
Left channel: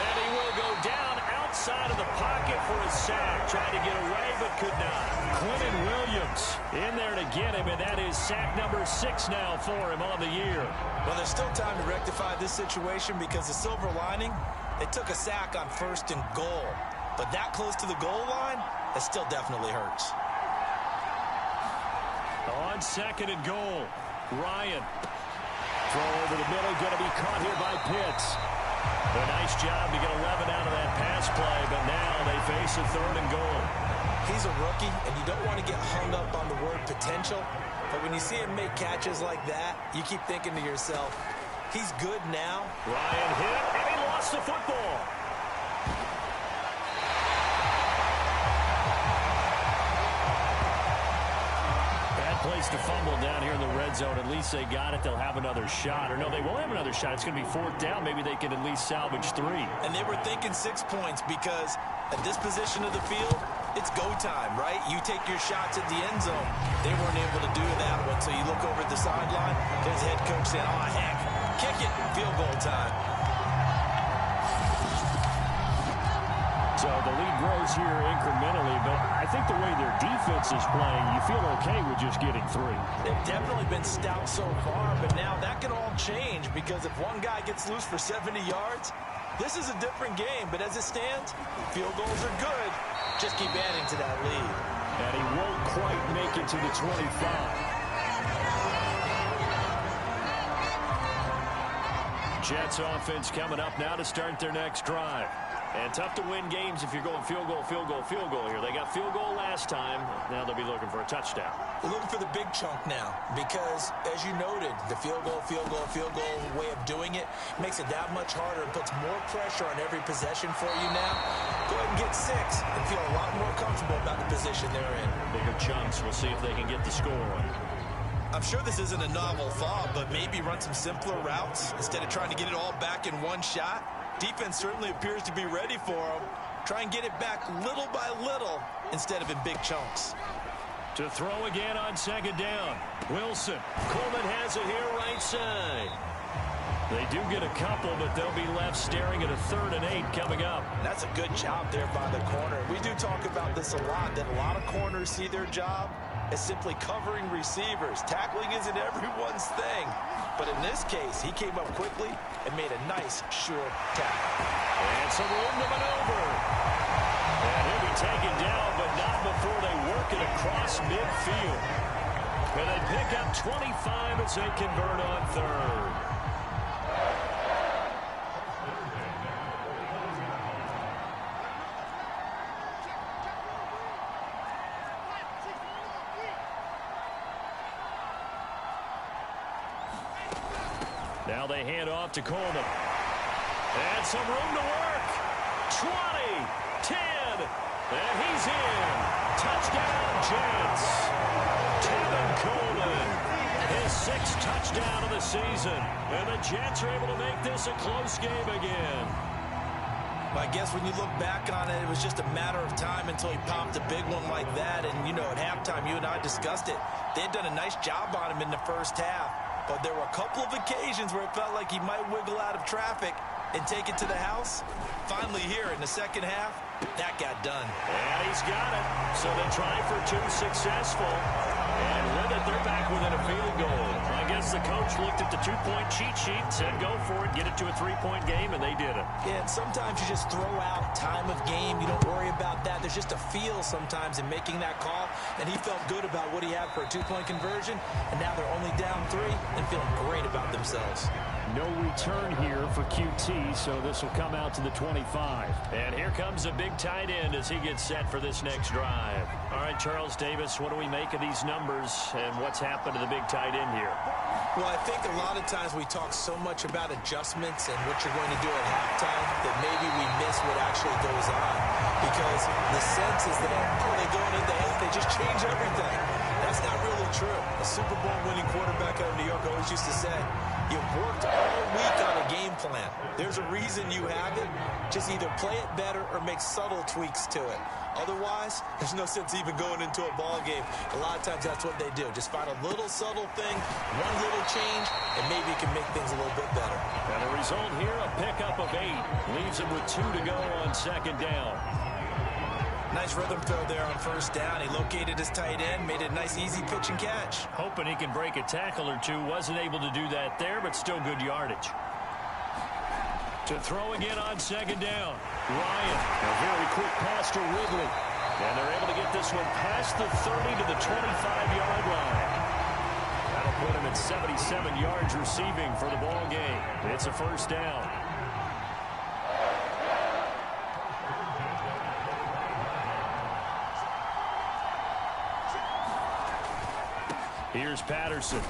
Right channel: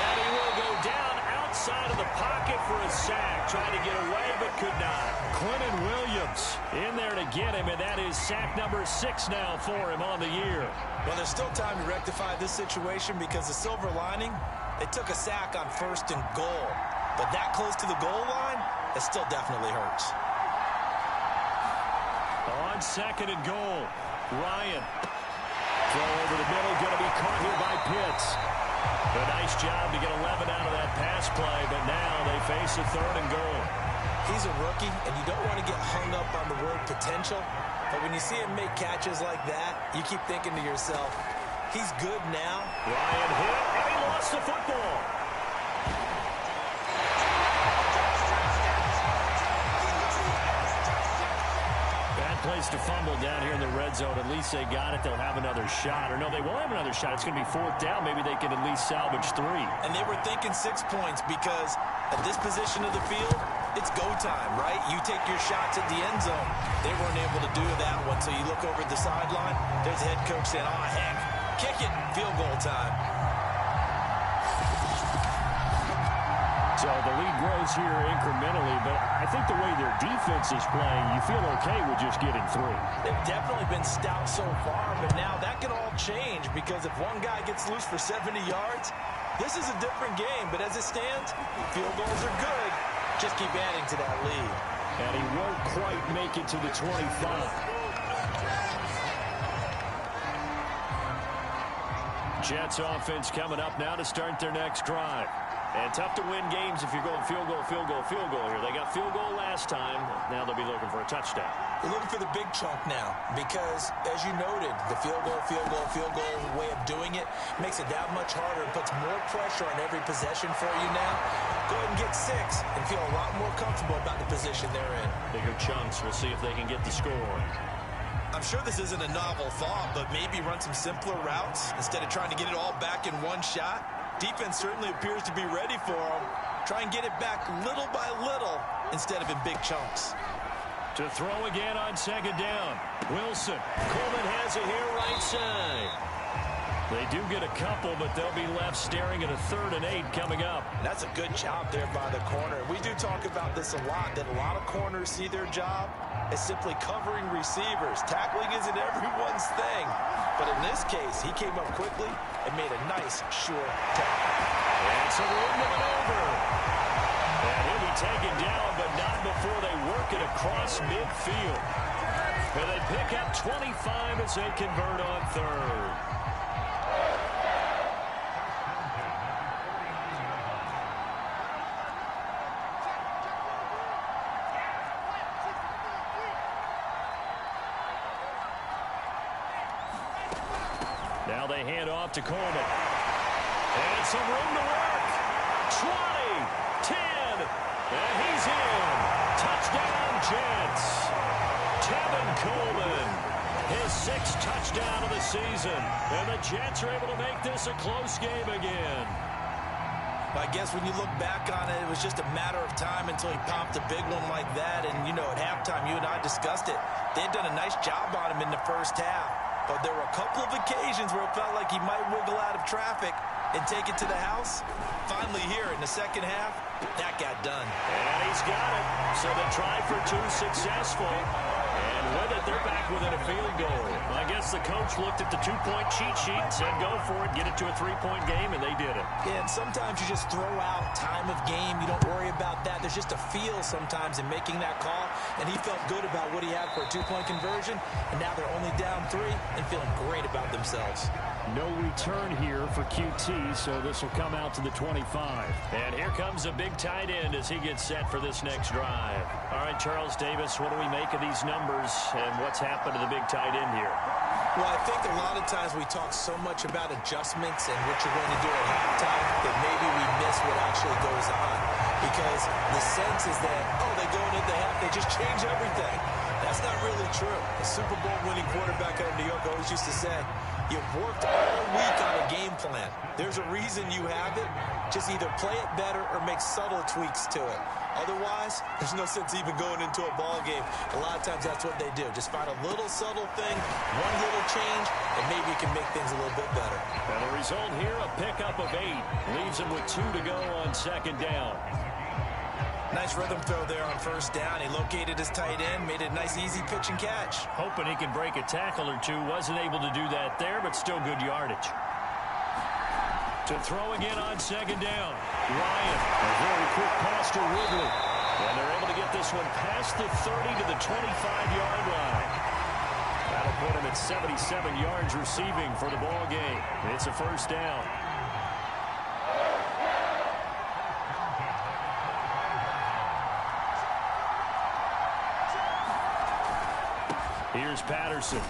And he will go down outside of the pocket for a sack. Tried to get away, but could not. Quentin Williams in there to get him, and that is sack number 6 now for him on the year. Well, there's still time to rectify this situation because the silver lining, they took a sack on 1st and goal. But that close to the goal line, it still definitely hurts. On 2nd and goal, Ryan. Throw over the middle, going to be caught here by Pitts. A nice job to get 11 out of that pass play, but now they face a 3rd and goal. He's a rookie, and you don't want to get hung up on the word potential. But when you see him make catches like that, you keep thinking to yourself, he's good now. Ryan hit, and he lost the football. Bad place to fumble down here in the red zone. At least they got it. They'll have another shot. Or no, they won't have another shot. It's going to be 4th down. Maybe they can at least salvage 3. And they were thinking 6 points because at this position of the field, it's go time, right? You take your shots at the end zone. They weren't able to do that one, so you look over at the sideline. There's the head coach saying, oh, heck, kick it, field goal time. So the lead grows here incrementally, but I think the way their defense is playing, you feel okay with just getting 3. They've definitely been stout so far, but now that can all change because if one guy gets loose for 70 yards, this is a different game. But as it stands, field goals are good. Just keep adding to that lead. And he won't quite make it to the 25. Jets offense coming up now to start their next drive. And tough to win games if you're going field goal, field goal, field goal here. They got field goal last time. Now they'll be looking for a touchdown. They're looking for the big chunk now because, as you noted, the field goal way of doing it makes it that much harder and puts more pressure on every possession for you now. Go ahead and get 6 and feel a lot more comfortable about the position they're in. Bigger chunks. We'll see if they can get the score. I'm sure this isn't a novel thought, but maybe run some simpler routes instead of trying to get it all back in one shot. Defense certainly appears to be ready for them. Try and get it back little by little instead of in big chunks. To throw again on 2nd down. Wilson. Coleman has it here right side. They do get a couple, but they'll be left staring at a 3rd and 8 coming up. And that's a good job there by the corner. We do talk about this a lot, that a lot of corners see their job as simply covering receivers. Tackling isn't everyone's thing. But in this case, he came up quickly and made a nice, sure tackle. And some room to maneuver. And he'll be taken down, but not before they work it across midfield. And they pick up 25 as they convert on 3rd. Now they hand off to Coleman. And some room to work. 20, 10, and he's in. Touchdown, Jets. Tevin Coleman, his 6th touchdown of the season. And the Jets are able to make this a close game again. I guess when you look back on it, it was just a matter of time until he popped a big one like that. And, you know, at halftime, you and I discussed it. They had done a nice job on him in the first half. But there were a couple of occasions where it felt like he might wiggle out of traffic and take it to the house. Finally here in the second half, that got done. And he's got it. So they try for 2, successful. And with it, they're back within a field goal. I guess the coach looked at the 2-point cheat sheet and said, go for it, get it to a 3-point game, and they did it. Yeah, and sometimes you just throw out time of game. You don't worry about that. There's just a feel sometimes in making that call, and he felt good about what he had for a 2-point conversion, and now they're only down 3 and feeling great about themselves. No return here for QT, so this will come out to the 25. And here comes a big tight end as he gets set for this next drive. All right, Charles Davis, what do we make of these numbers and what's happened to the big tight end here? Well, I think a lot of times we talk so much about adjustments and what you're going to do at halftime that maybe we miss what actually goes on. Because the sense is that, oh, they go into the half, they just change everything. That's not really true. A Super Bowl winning quarterback out of New York always used to say, you've worked all week on a game plan. There's a reason you have it. Just either play it better or make subtle tweaks to it. Otherwise, there's no sense even going into a ball game. A lot of times that's what they do. Just find a little subtle thing, one little change, and maybe you can make things a little bit better. And the result here, a pickup of 8. Leaves him with 2 to go on second down. Nice rhythm throw there on first down. He located his tight end, made it a nice, easy pitch and catch. Hoping he can break a tackle or 2. Wasn't able to do that there, but still good yardage. To throw again on second down. Ryan, a very quick pass to Ridley. And they're able to get this one past the 30 to the 25-yard line. That'll put him at 77 yards receiving for the ball game. It's a first down. Here's Patterson.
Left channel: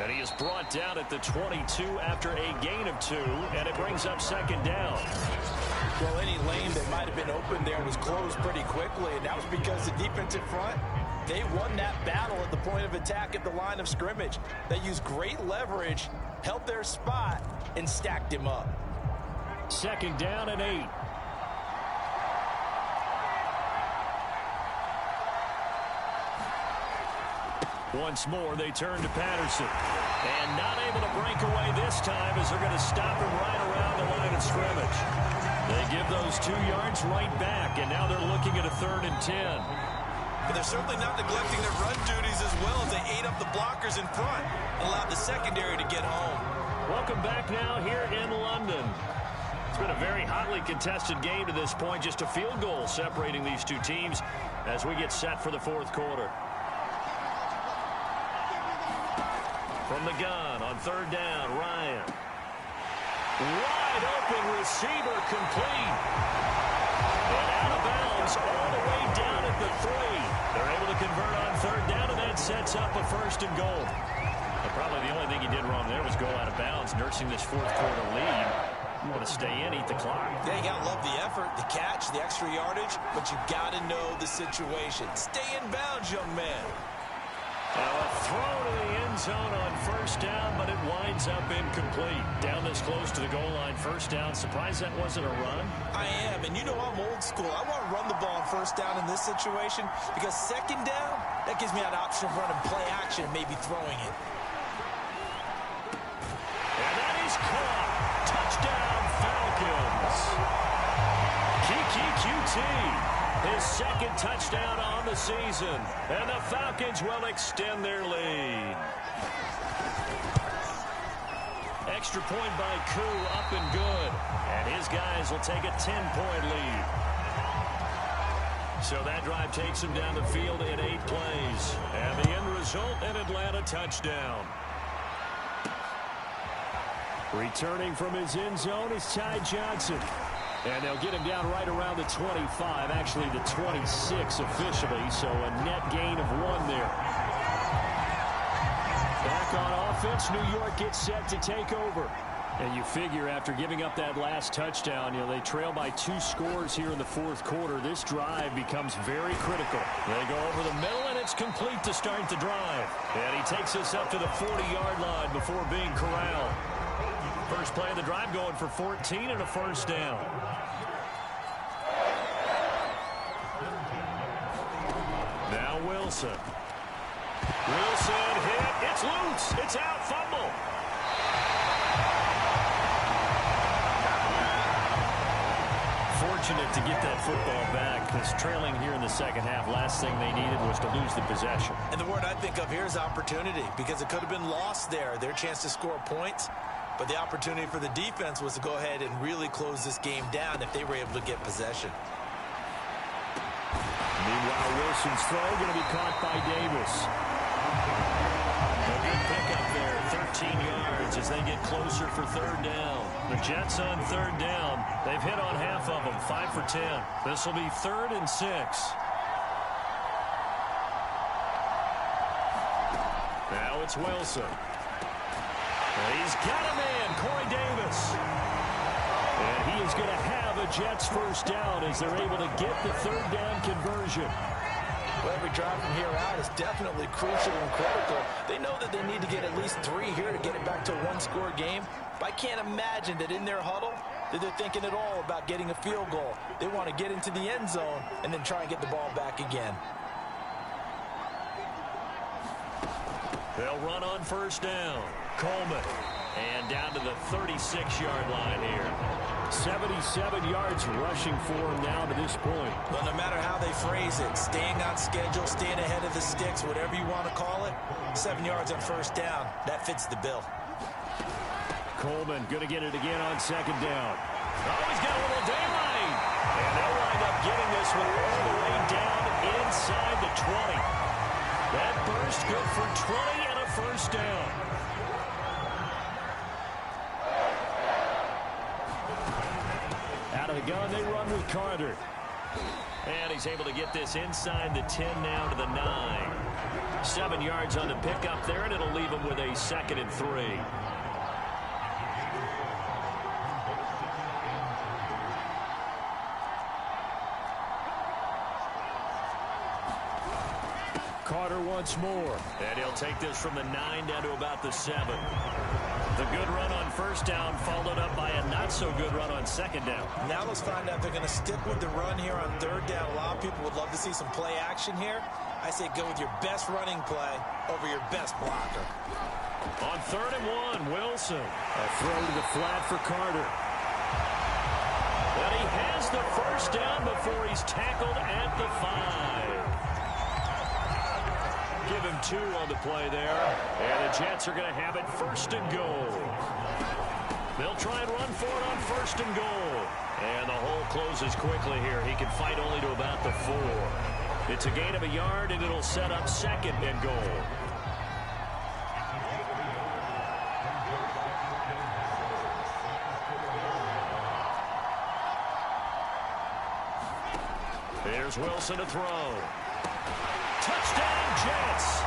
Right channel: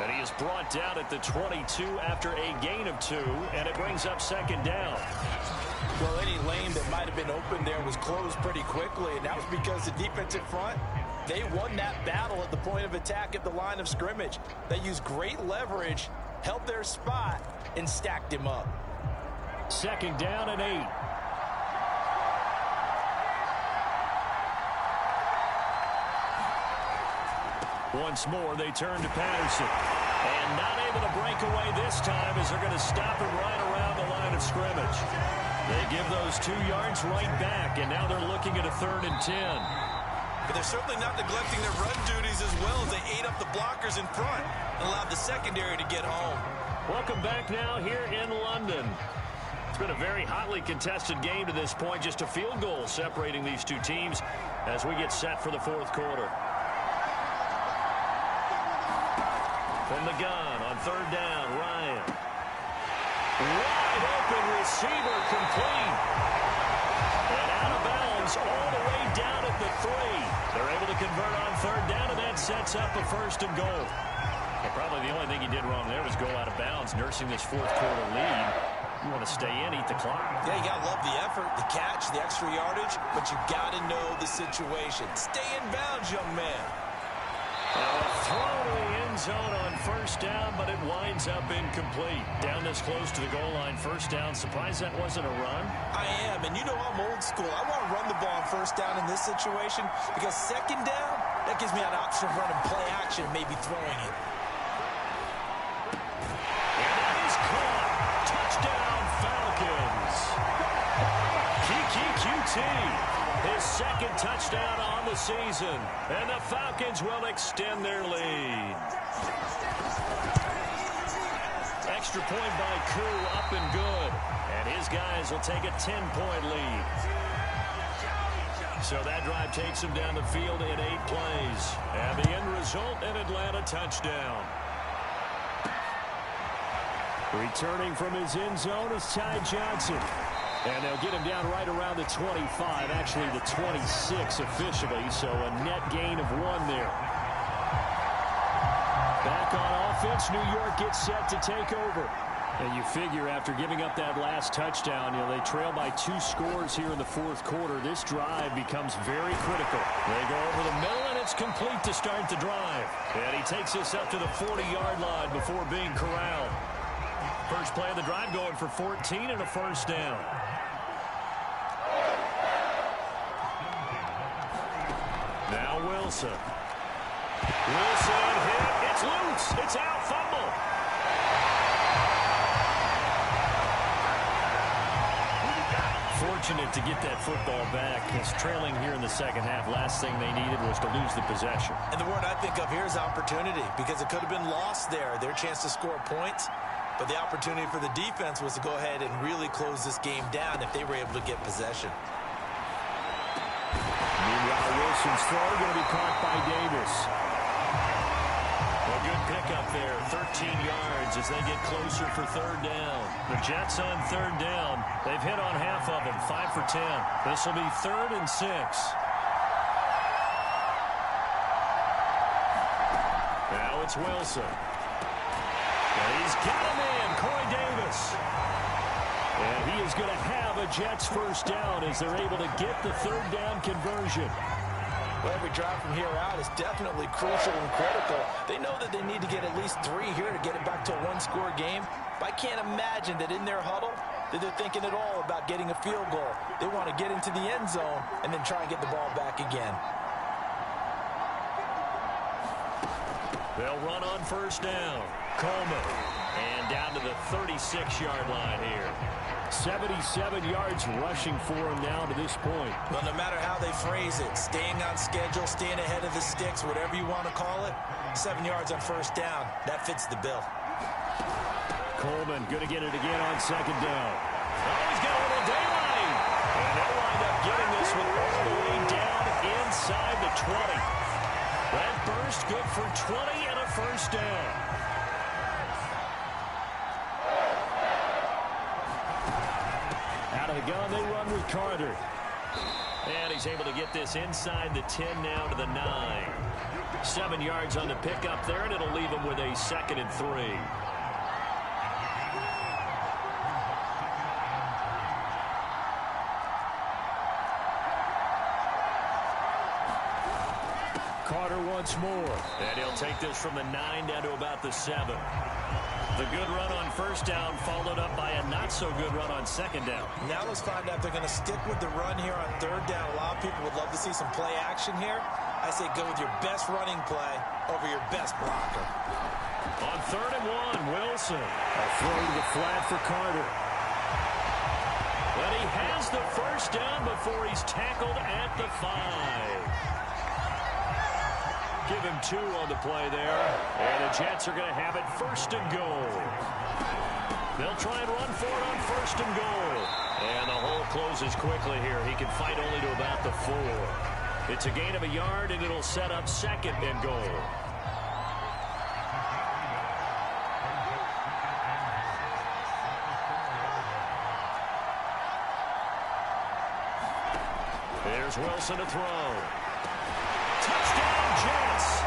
And he is brought down at the 22 after a gain of 2, and it brings up second down. Well, any lane that might have been open there was closed pretty quickly, and that was because the defensive front, they won that battle at the point of attack at the line of scrimmage. They used great leverage, held their spot, and stacked him up. Second down and 8. Once more, they turn to Patterson. And not able to break away this time as they're going to stop him right around the line of scrimmage. They give those 2 yards right back, and now they're looking at a 3rd and 10. But they're certainly not neglecting their run duties as well as they ate up the blockers in front and allowed the secondary to get home. Welcome back now here in London. It's been a very hotly contested game to this point. Just a field goal separating these two teams as we get set for the 4th quarter. From the gun on 3rd down, Ryan. Wide open receiver complete. And out of bounds all the way down at the 3. They're able to convert on 3rd down, and that sets up a 1st and goal. And probably the only thing he did wrong there was go out of bounds, nursing this 4th quarter lead. You want to stay in, eat the clock. Yeah, you got to love the effort, the catch, the extra yardage, but you got to know the situation. Stay in bounds, young man. A throw to the end zone on 1st down, but it winds up incomplete. Down this close to the goal line, 1st down. Surprised that wasn't a run? I am, and you know I'm old school. I want to run the ball on 1st down in this situation because 2nd down, that gives me an option of running play action and maybe throwing it. And that is caught. Touchdown, Falcons. Keke QT. His 2nd touchdown on the season. And the Falcons will extend their lead. Extra point by Koo, up and good. And his guys will take a 10-point lead. So that drive takes him down the field in 8 plays. And the end result, an Atlanta touchdown. Returning from his end zone is Ty Johnson. And they'll get him down right around the 25, actually the 26 officially, so a net gain of 1 there. Back on offense, New York gets set to take over. And you figure after giving up that last touchdown, they trail by 2 scores here in the fourth quarter. This drive becomes very critical. They go over the middle, and it's complete to start the drive. And he takes us up to the 40-yard line before being corralled. First play of the drive going for 14 and a first down. Now Wilson. Wilson hit. It's loose. It's out. Fumble. Fortunate to get that football back, because trailing here in the second half, last thing they needed was to lose the possession. And the word I think of here is opportunity, because it could have been lost there. Their chance to score points, but the opportunity for the defense was to go ahead and really close this game down if they were able to get possession. Meanwhile, Wilson's throw going to be caught by Davis. A good pickup there, 13 yards as they get closer for third down. The Jets on third down. They've hit on half of them, 5 for 10. This will be 3rd and 6. Now it's Wilson. And he's got a man, Corey Davis. And he is going to have a Jets first down as they're able to get the third down conversion. Well, every drive from here out is definitely crucial and critical. They know that they need to get at least 3 here to get it back to a 1-score game. But I can't imagine that in their huddle that they're thinking at all about getting a field goal. They want to get into the end zone and then try and get the ball back again. They'll run on first down. Coleman. And down to the 36-yard line here. 77 yards rushing for him now to this point. Well, no matter how they phrase it, staying on schedule, staying ahead of the sticks, whatever you want to call it, 7 yards on first down, that fits the bill. Coleman going to get it again on second down. Oh, he's got a little daylight. And they'll wind up getting this one all the way down inside the 20. That burst good for 20 and a first down. Out of the gun, they run with Carter. And he's able to get this inside the 10 now to the 9. 7 yards on the pickup there, and it'll leave him with a 2nd and 3. Carter once more. And he'll take this from the 9 down to about the 7. The good run on first down followed up by a not-so-good run on second down. Now let's find out if they're going to stick with the run here on third down. A lot of people would love to see some play action here. I say go with your best running play over your best blocker. On 3rd and 1, Wilson. A throw to the flat for Carter. And he has the first down before he's tackled at the 5. Give him 2 on the play there. And the Jets are going to have it 1st and goal. They'll try and run for it on 1st and goal. And the hole closes quickly here. He can fight only to about the 4. It's a gain of a yard, and it'll set up 2nd and goal. Here's Wilson to throw. Touchdown, Jets.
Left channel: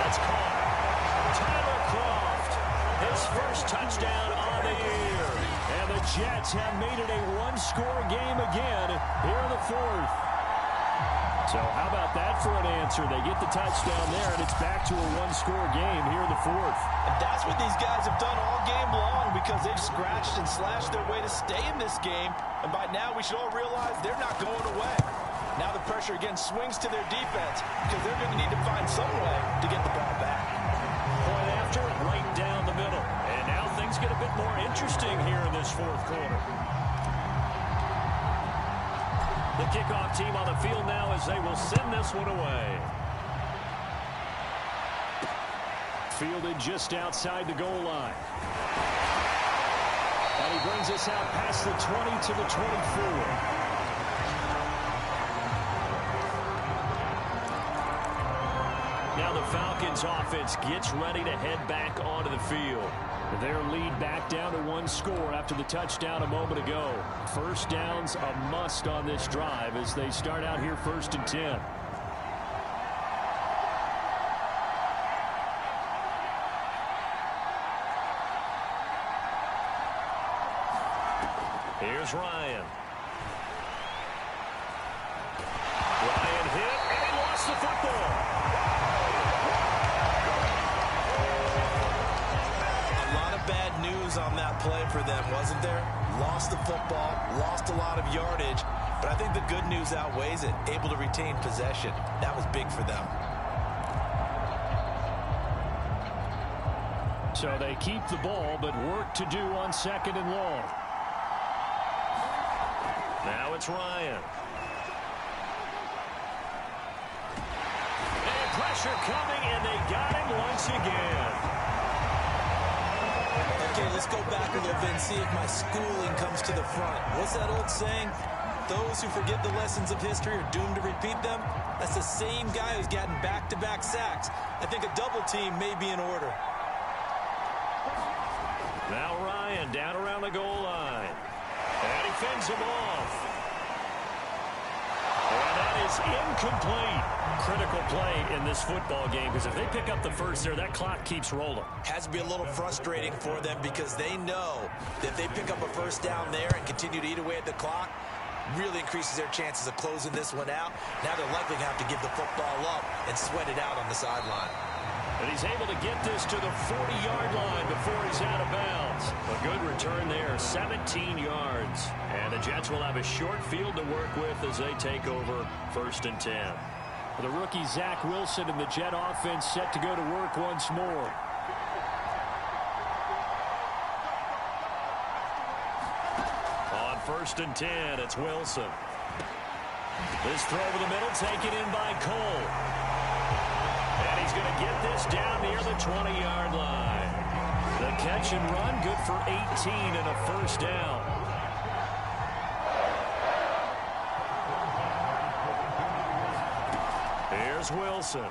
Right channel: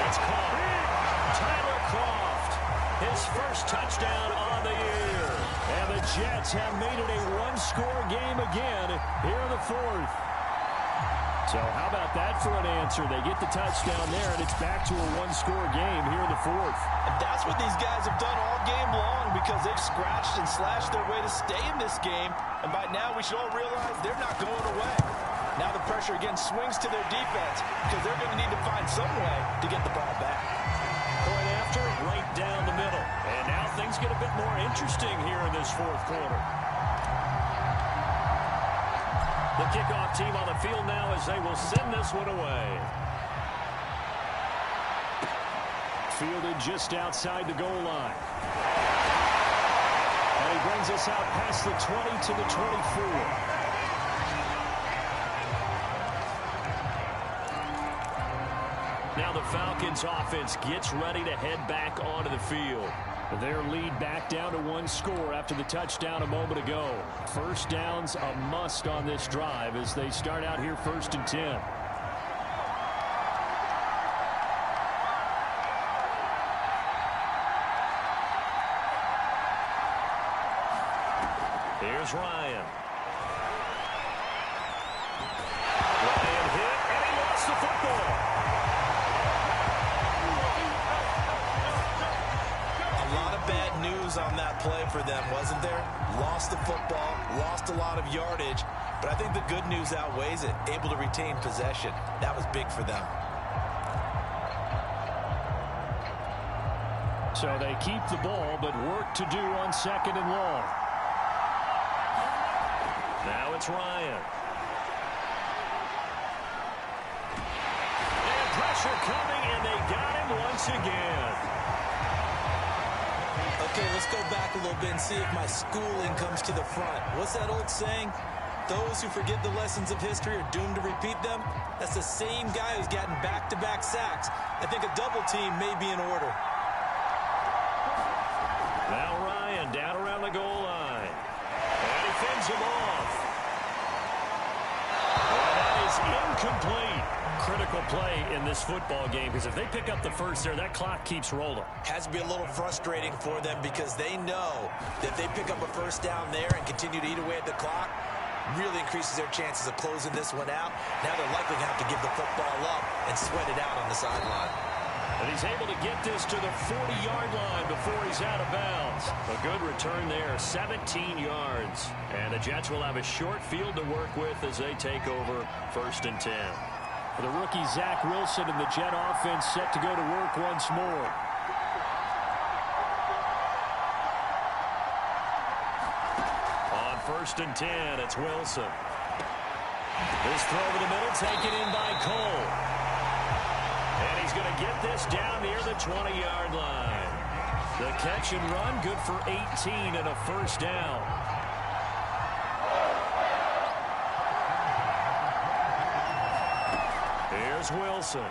That's caught. Tyler Kroft, his first touchdown on the year. And the Jets have made it a 1-score game again here in the 4th. So how about that for an answer? They get the touchdown there, and it's back to a 1-score game here in the 4th. And that's what these guys have done all game long, because they've scratched and slashed their way to stay in this game. And by now, we should all realize they're not going away. Now the pressure again swings to their defense, because they're going to need to find some way to get the ball back. Point after, right down the middle. And now things get a bit more interesting here in this 4th quarter. The kickoff team on the field now as they will send this one away. Fielded just outside the goal line. And he brings us out past the 20 to the 24. Now the Falcons offense gets ready to head back onto the field. Their lead back down to 1 score after the touchdown a moment ago. First down's a must on this drive as they start out here 1st and 10. Here's Ryan. Ryan hit, and he lost the football. A lot of bad news on that play for them, wasn't there? Lost the football, lost a lot of yardage, but I think the good news outweighs it. Able to retain possession. That was big for them. So they keep the ball, but work to do on 2nd and long. Now it's Ryan. And pressure coming, and they got him once again. Okay, let's go back a little bit and see if my schooling comes to the front. What's that old saying? Those who forget the lessons of history are doomed to repeat them. That's the same guy who's gotten back-to-back sacks. I think a double team may be in order. Now Ryan down around the goal line. And he fends him off. And that is incomplete. Critical play in this football game, because if they pick up the first there, that clock keeps rolling. Has to be a little frustrating for them because they know that if they pick up a first down there and continue to eat away at the clock, really increases their chances of closing this one out. Now they're likely going to have to give the football up and sweat it out on the sideline. And he's able to get this to the 40-yard line before he's out of bounds. A good return there, 17 yards. And the Jets will have a short field to work with as they take over 1st and 10. The rookie Zach Wilson and the Jet offense set to go to work once more. On 1st and 10, it's Wilson. This throw over the middle taken in by Cole. And he's going to get this down near the 20-yard line. The catch and run, good for 18 and a first down. Here's Wilson.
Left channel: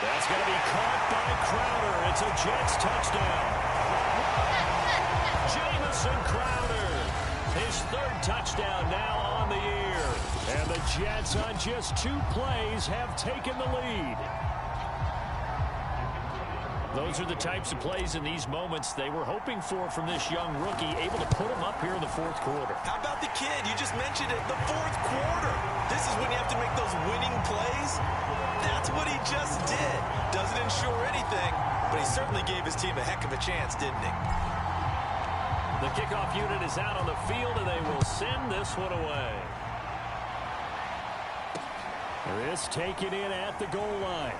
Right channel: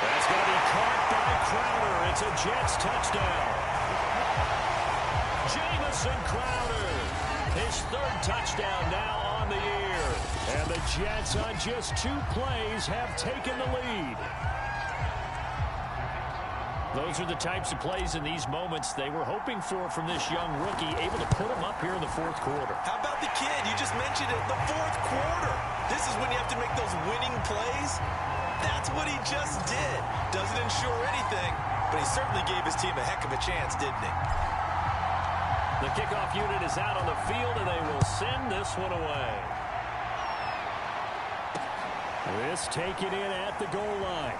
That's going to be caught by Crowder. It's a Jets touchdown. Jamison Crowder, his 3rd touchdown now on the year. And the Jets on just 2 plays have taken the lead. Those are the types of plays in these moments they were hoping for from this young rookie, able to put him up here in the 4th quarter. How about the kid? You just mentioned it, the 4th quarter. This is when you have to make those winning plays. That's what he just did. Doesn't ensure anything, but he certainly gave his team a heck of a chance, didn't he? The kickoff unit is out on the field, and they will send this one away. This taken in at the goal line.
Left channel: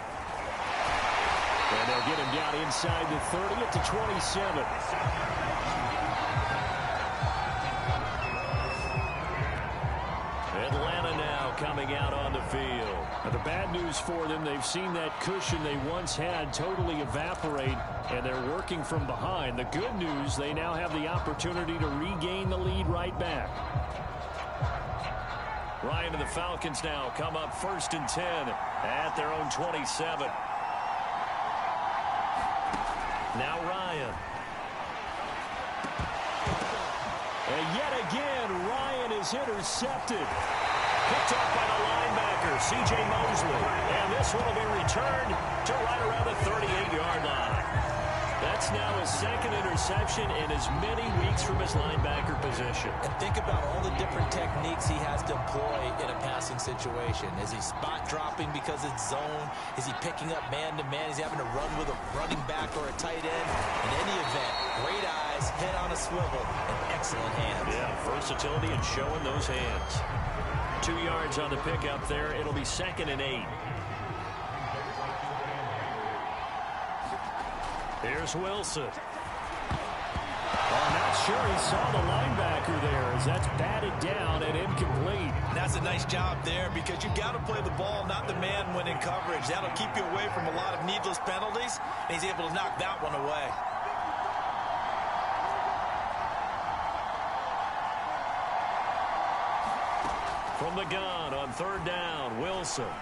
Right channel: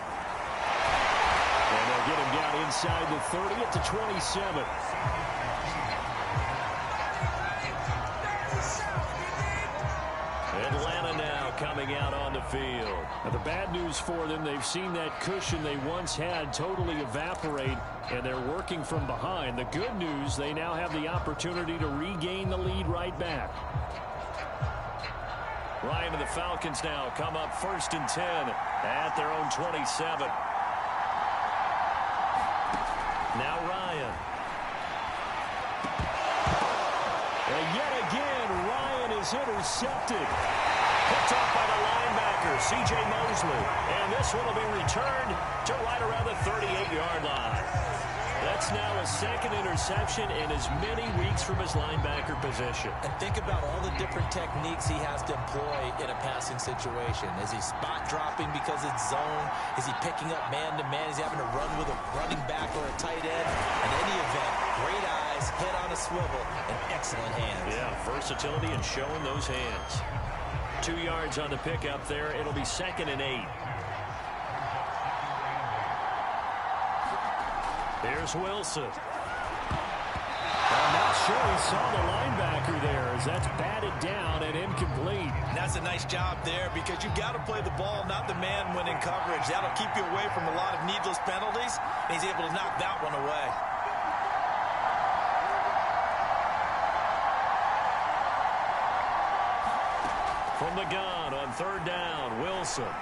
And they'll get him down inside the 30 at the 27. Atlanta now coming out on the field. Now the bad news for them, they've seen that cushion they once had totally evaporate, and they're working from behind. The good news, they now have the opportunity to regain the lead right back. Ryan and the Falcons now come up 1st and 10 at their own 27. Now Ryan. And yet again, Ryan is intercepted. Picked off by the linebacker, C.J. Mosley. And this one will be returned to right around the 38-yard line. That's now his 2nd interception in as many weeks from his linebacker position. And think about all the different techniques he has to employ in a passing situation. Is he spot dropping because it's zone? Is he picking up man-to-man? Is he having to run with a running back or a tight end? In any event, great eyes, head on a swivel, and excellent hands. Yeah, versatility and showing those hands. 2 yards on the pickup there. It'll be 2nd and 8. Here's Wilson. I'm not sure he saw the linebacker there as that's batted down and incomplete. And that's a nice job there because you've got to play the ball, not the man when in coverage. That'll keep you away from a lot of needless penalties, and he's able to knock that one away. From the gun on 3rd down, Wilson.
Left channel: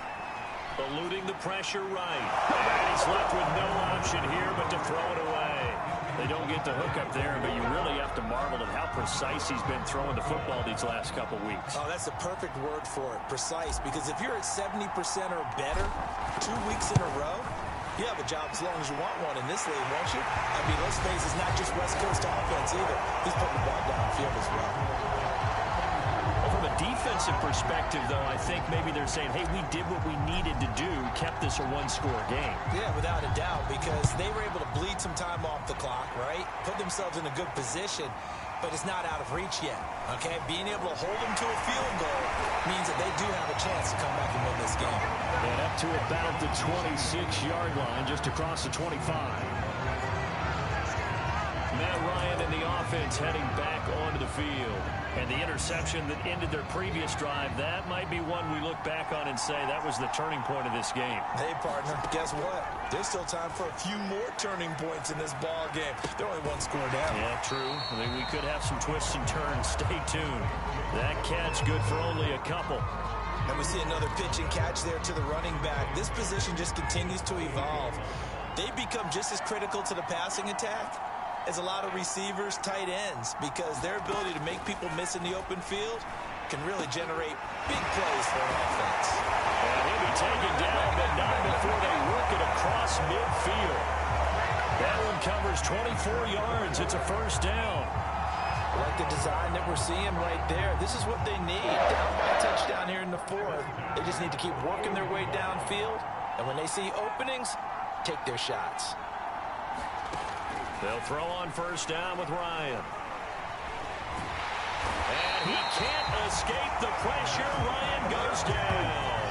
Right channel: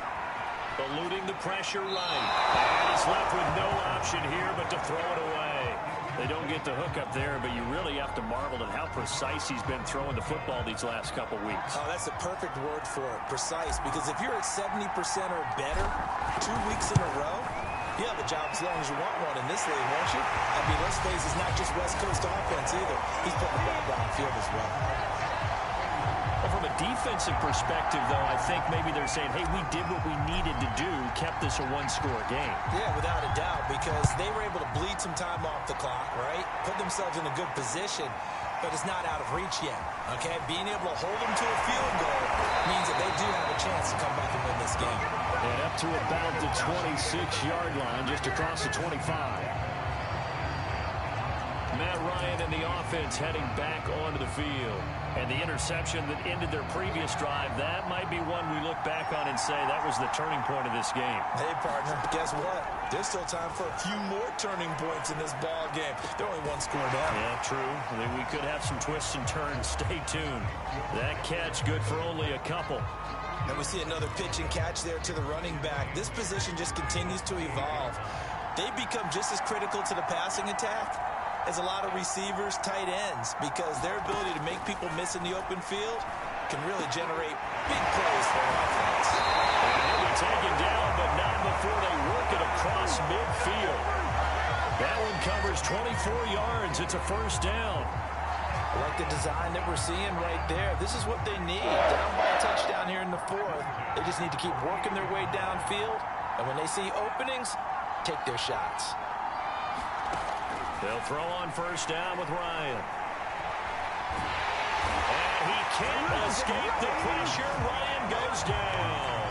Eluding the pressure right. And he's left with no option here but to throw it away. They don't get the hook up there, but you really have to marvel at how precise he's been throwing the football these last couple weeks. Oh, that's the perfect word for it, precise. Because if you're at 70% or better 2 weeks in a row, You have a job as long as you want one in this league, won't you? I mean, let's face it, it's not just West Coast offense either. He's putting the ball downfield as well. From a defensive perspective, though, I think maybe they're saying, hey, we did what we needed to do, kept this a one-score game. Yeah, without a doubt, because they were able to bleed some time off the clock, right? Put themselves in a good position, but it's not out of reach yet, okay? Being able to hold them to a field goal means that they do have a chance to come back and win this game. And up to about the 26-yard line, just across the 25. Matt Ryan and the offense heading back onto the field. And the interception that ended their previous drive, that might be one we look back on and say that was the turning point of this game. Hey, partner, guess what? There's still time for a few more turning points in this ball game. They're only one score down. Yeah, true. I mean, we could have some twists and turns. Stay tuned. That catch good for only a couple. And we see another pitch and catch there to the running back. This position just continues to evolve. They become just as critical to the passing attack as a lot of receivers, tight ends, because their ability to make people miss in the open field can really generate big plays for an offense. And he'll be taken down, but not before they work it across midfield. That one covers 24 yards. It's a first down. I like the design that we're seeing right there. This is what they need. Down by a touchdown here in the fourth. They just need to keep working their way downfield. And when they see openings, take their shots. They'll throw on first down with Ryan. And he can't escape the pressure. Ryan goes down.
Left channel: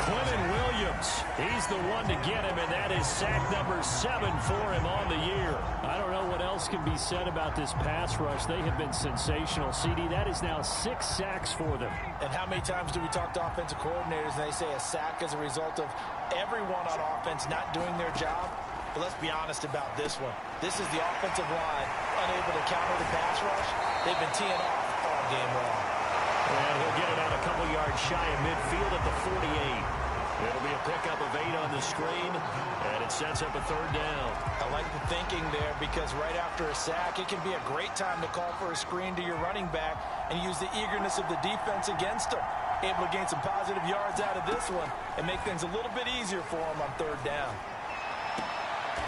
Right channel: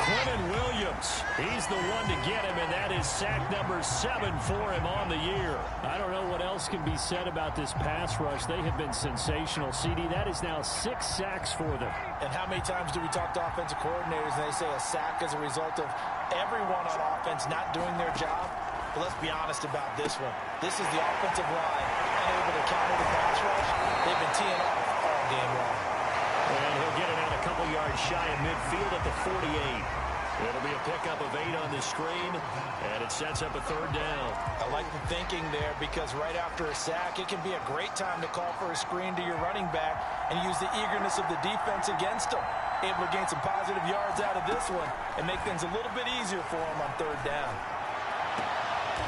Quentin Williams, he's the one to get him, and that is sack number 7 for him on the year. I don't know what else can be said about this pass rush. They have been sensational. CD, that is now 6 sacks for them. And how many times do we talk to offensive coordinators and they say a sack as a result of everyone on offense not doing their job? But let's be honest about this one. This is the offensive line unable to counter the pass rush. They've been teeing off all game long. And he'll get it out a couple yards shy of midfield at the 48. It'll be a pickup of 8 on the screen, and it sets up a third down. I like the thinking there because right after a sack, it can be a great time to call for a screen to your running back and use the eagerness of the defense against them. Able to gain some positive yards out of this one and make things a little bit easier for them on third down.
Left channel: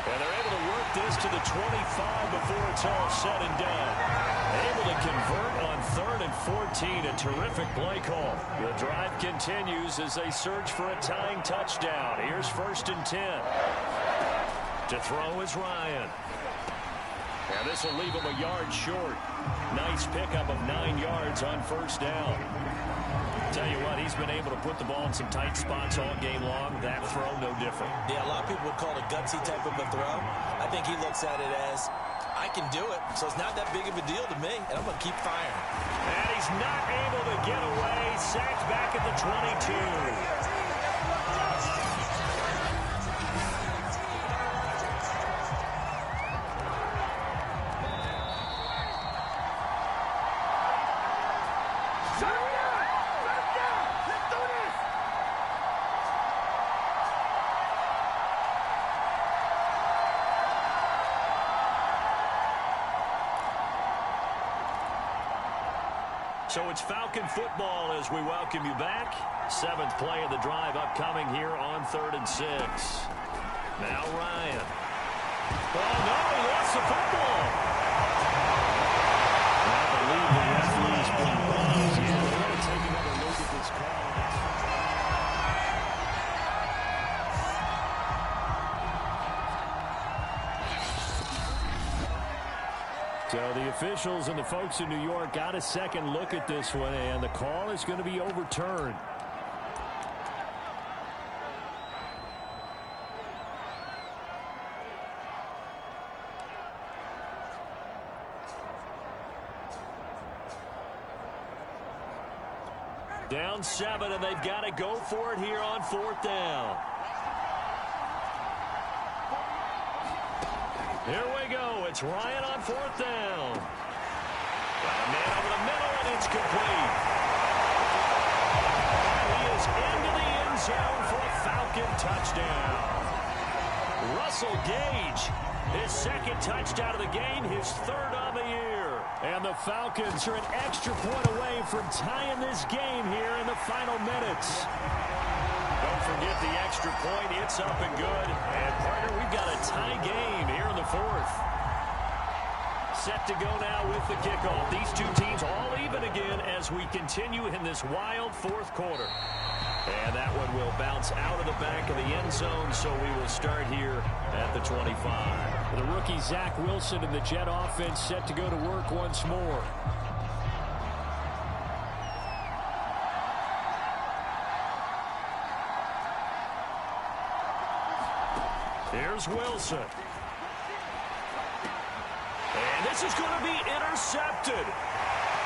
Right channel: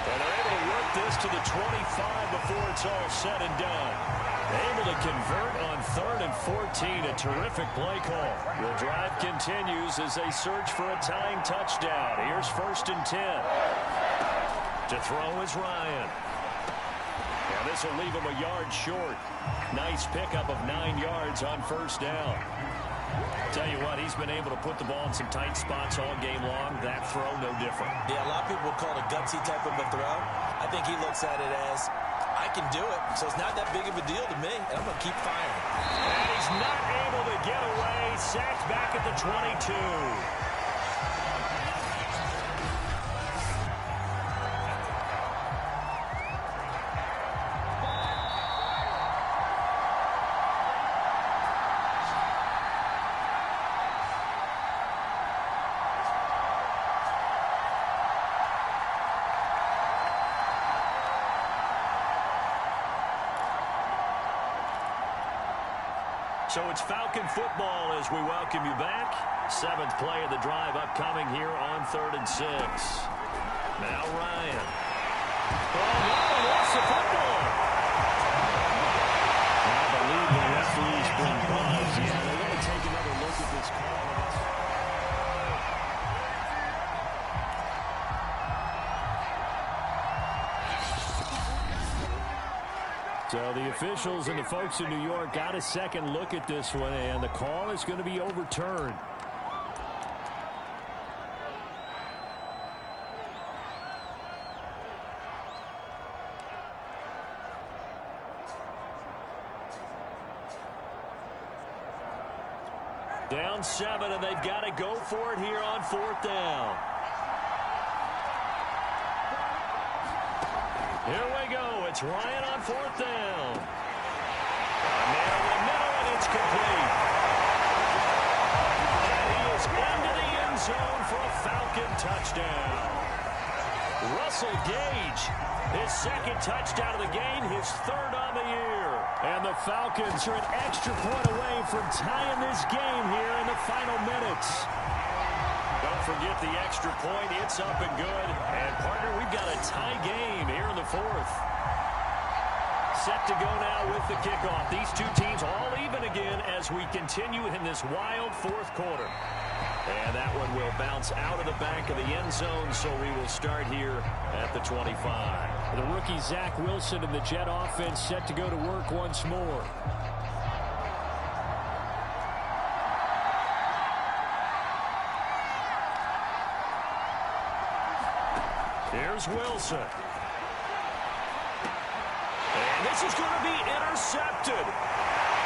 And they're able to work this to the 25 before it's all said and done. Able to convert on 3rd and 14. A terrific play call. The drive continues as they search for a tying touchdown. Here's 1st and 10. To throw is Ryan. Now this will leave him a yard short. Nice pickup of 9 yards on first down. Tell you what, he's been able to put the ball in some tight spots all game long. That throw, no different. Yeah, a lot of people would call it a gutsy type of a throw. I think he looks at it as, I can do it, so it's not that big of a deal to me, and I'm going to keep firing. And he's not able to get away. Sacked back at the 22. So it's Falcon football as we welcome you back. 7th play of the drive upcoming here on 3rd and 6. Now Ryan. Oh, no, he lost the football. I believe the referee's been buzzed. Yeah, they're going to take another look at this call. So the officials and the folks in New York got a second look at this one, and the call is going to be overturned. Down 7, and they've got to go for it here on 4th down. Here we go. It's Ryan on 4th down. Got a man over the middle, and it's complete. And he is into the end zone for a Falcon touchdown. Russell Gage, his 2nd touchdown of the game, his 3rd on the year. And the Falcons are an extra point away from tying this game here in the final minutes. Don't forget the extra point. It's up and good. And, partner, we've got a tie game here in the fourth. Set to go now with the kickoff. These two teams all even again as we continue in this wild fourth quarter. And that one will bounce out of the back of the end zone, so we will start here at the 25. The rookie Zach Wilson and the Jet offense set to go to work once more. Here's Wilson. And this is going to be intercepted.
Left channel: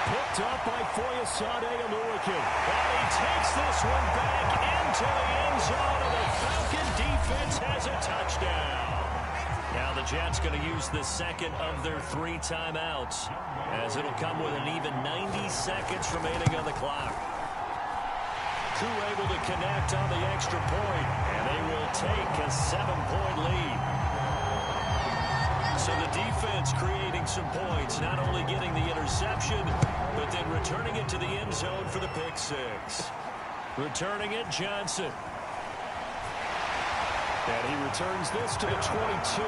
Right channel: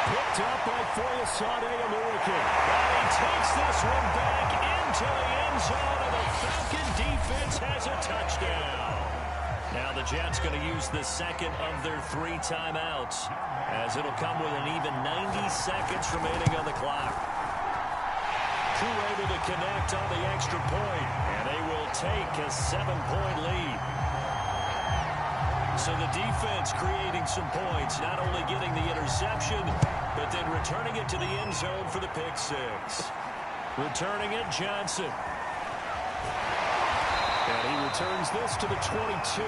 Picked up by Foyesade Oluokun. And he takes this one back into the end zone, and the Falcon defense has a touchdown. Now the Jets going to use the second of their 3 timeouts, as it'll come with an even 90 seconds remaining on the clock. Koo able to connect on the extra point, and they will take a 7-point lead. So the defense creating some points, not only getting the interception, but then returning it to the end zone for the pick six. Returning it, Johnson. And he returns this to the 22.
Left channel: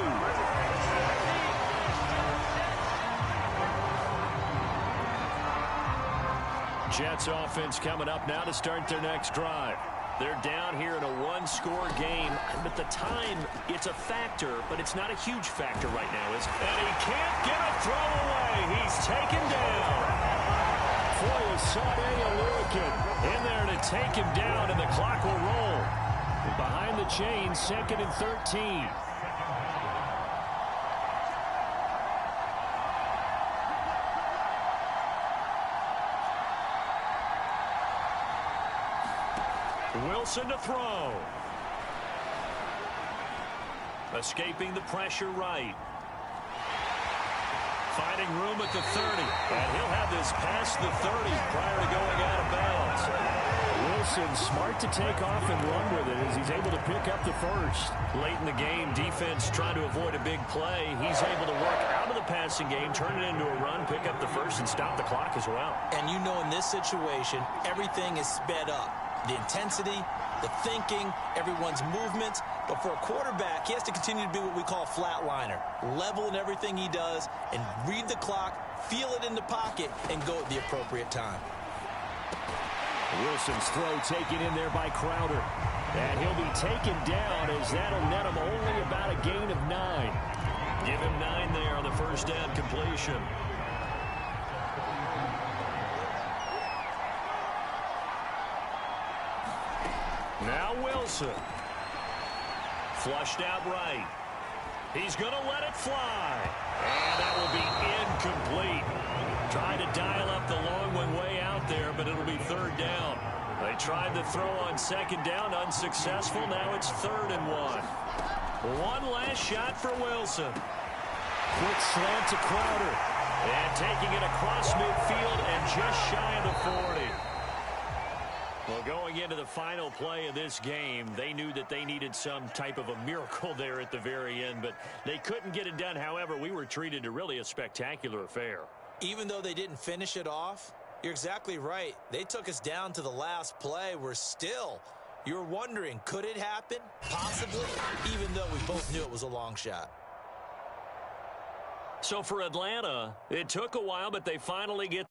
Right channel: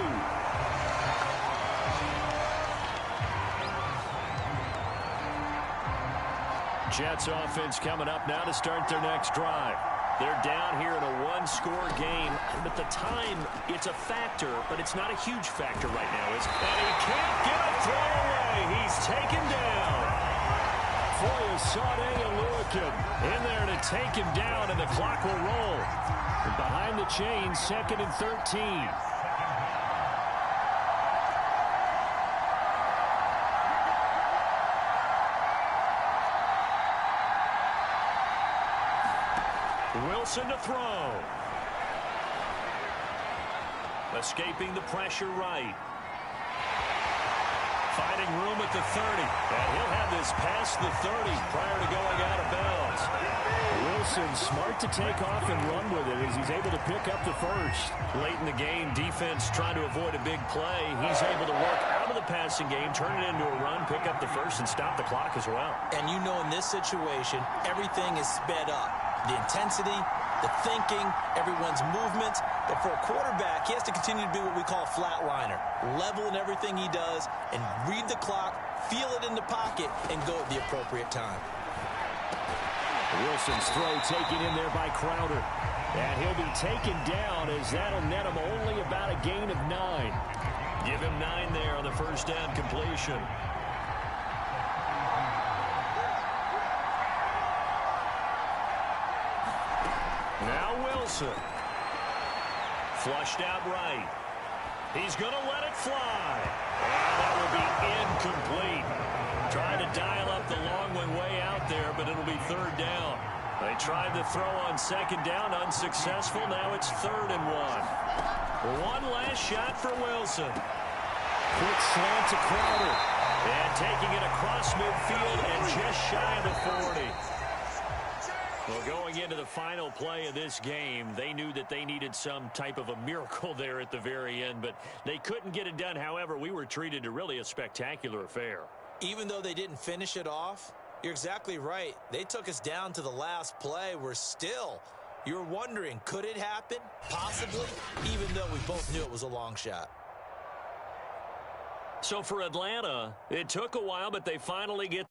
Jets offense coming up now to start their next drive. They're down here in a 1-score game, but the time, it's a factor, but it's not a huge factor right now, is it? And he can't get a throw away. He's taken down. Foyesade Oluokun in there to take him down, and the clock will roll. And behind the chains, 2nd and 13. Wilson to throw. Escaping the pressure right. Finding room at the 30. And he'll have this past the 30 prior to going out of bounds. Wilson smart to take off and run with it as he's able to pick up the first. Late in the game, defense trying to avoid a big play. He's able to work out of the passing game, turn it into a run, pick up the first, and stop the clock as well. And you know, in this situation, everything is sped up. The intensity, the thinking, everyone's movements. But for a quarterback, he has to continue to be what we call a flatliner. Level in everything he does and read the clock, feel it in the pocket, and go at the appropriate time. Wilson's throw taken in there by Crowder. And he'll be taken down as that'll net him only about a gain of 9. Give him 9 there on the first down completion. Now Wilson. Flushed out right. He's going to let it fly. And that will be incomplete. Trying to dial up the long one way out there, but it'll be 3rd down. They tried the throw on 2nd down, unsuccessful. Now it's 3rd and 1. One last shot for Wilson. Quick slant to Crowder. And taking it across midfield and just shy of the 40. Well, going into the final play of this game, they knew that they needed some type of a miracle there at the very end, but they couldn't get it done. However, we were treated to really a spectacular affair. Even though they didn't finish it off, you're exactly right. They took us down to the last play. You're wondering, could it happen? Possibly, even though we both knew it was a long shot. So for Atlanta, it took a while, but they finally get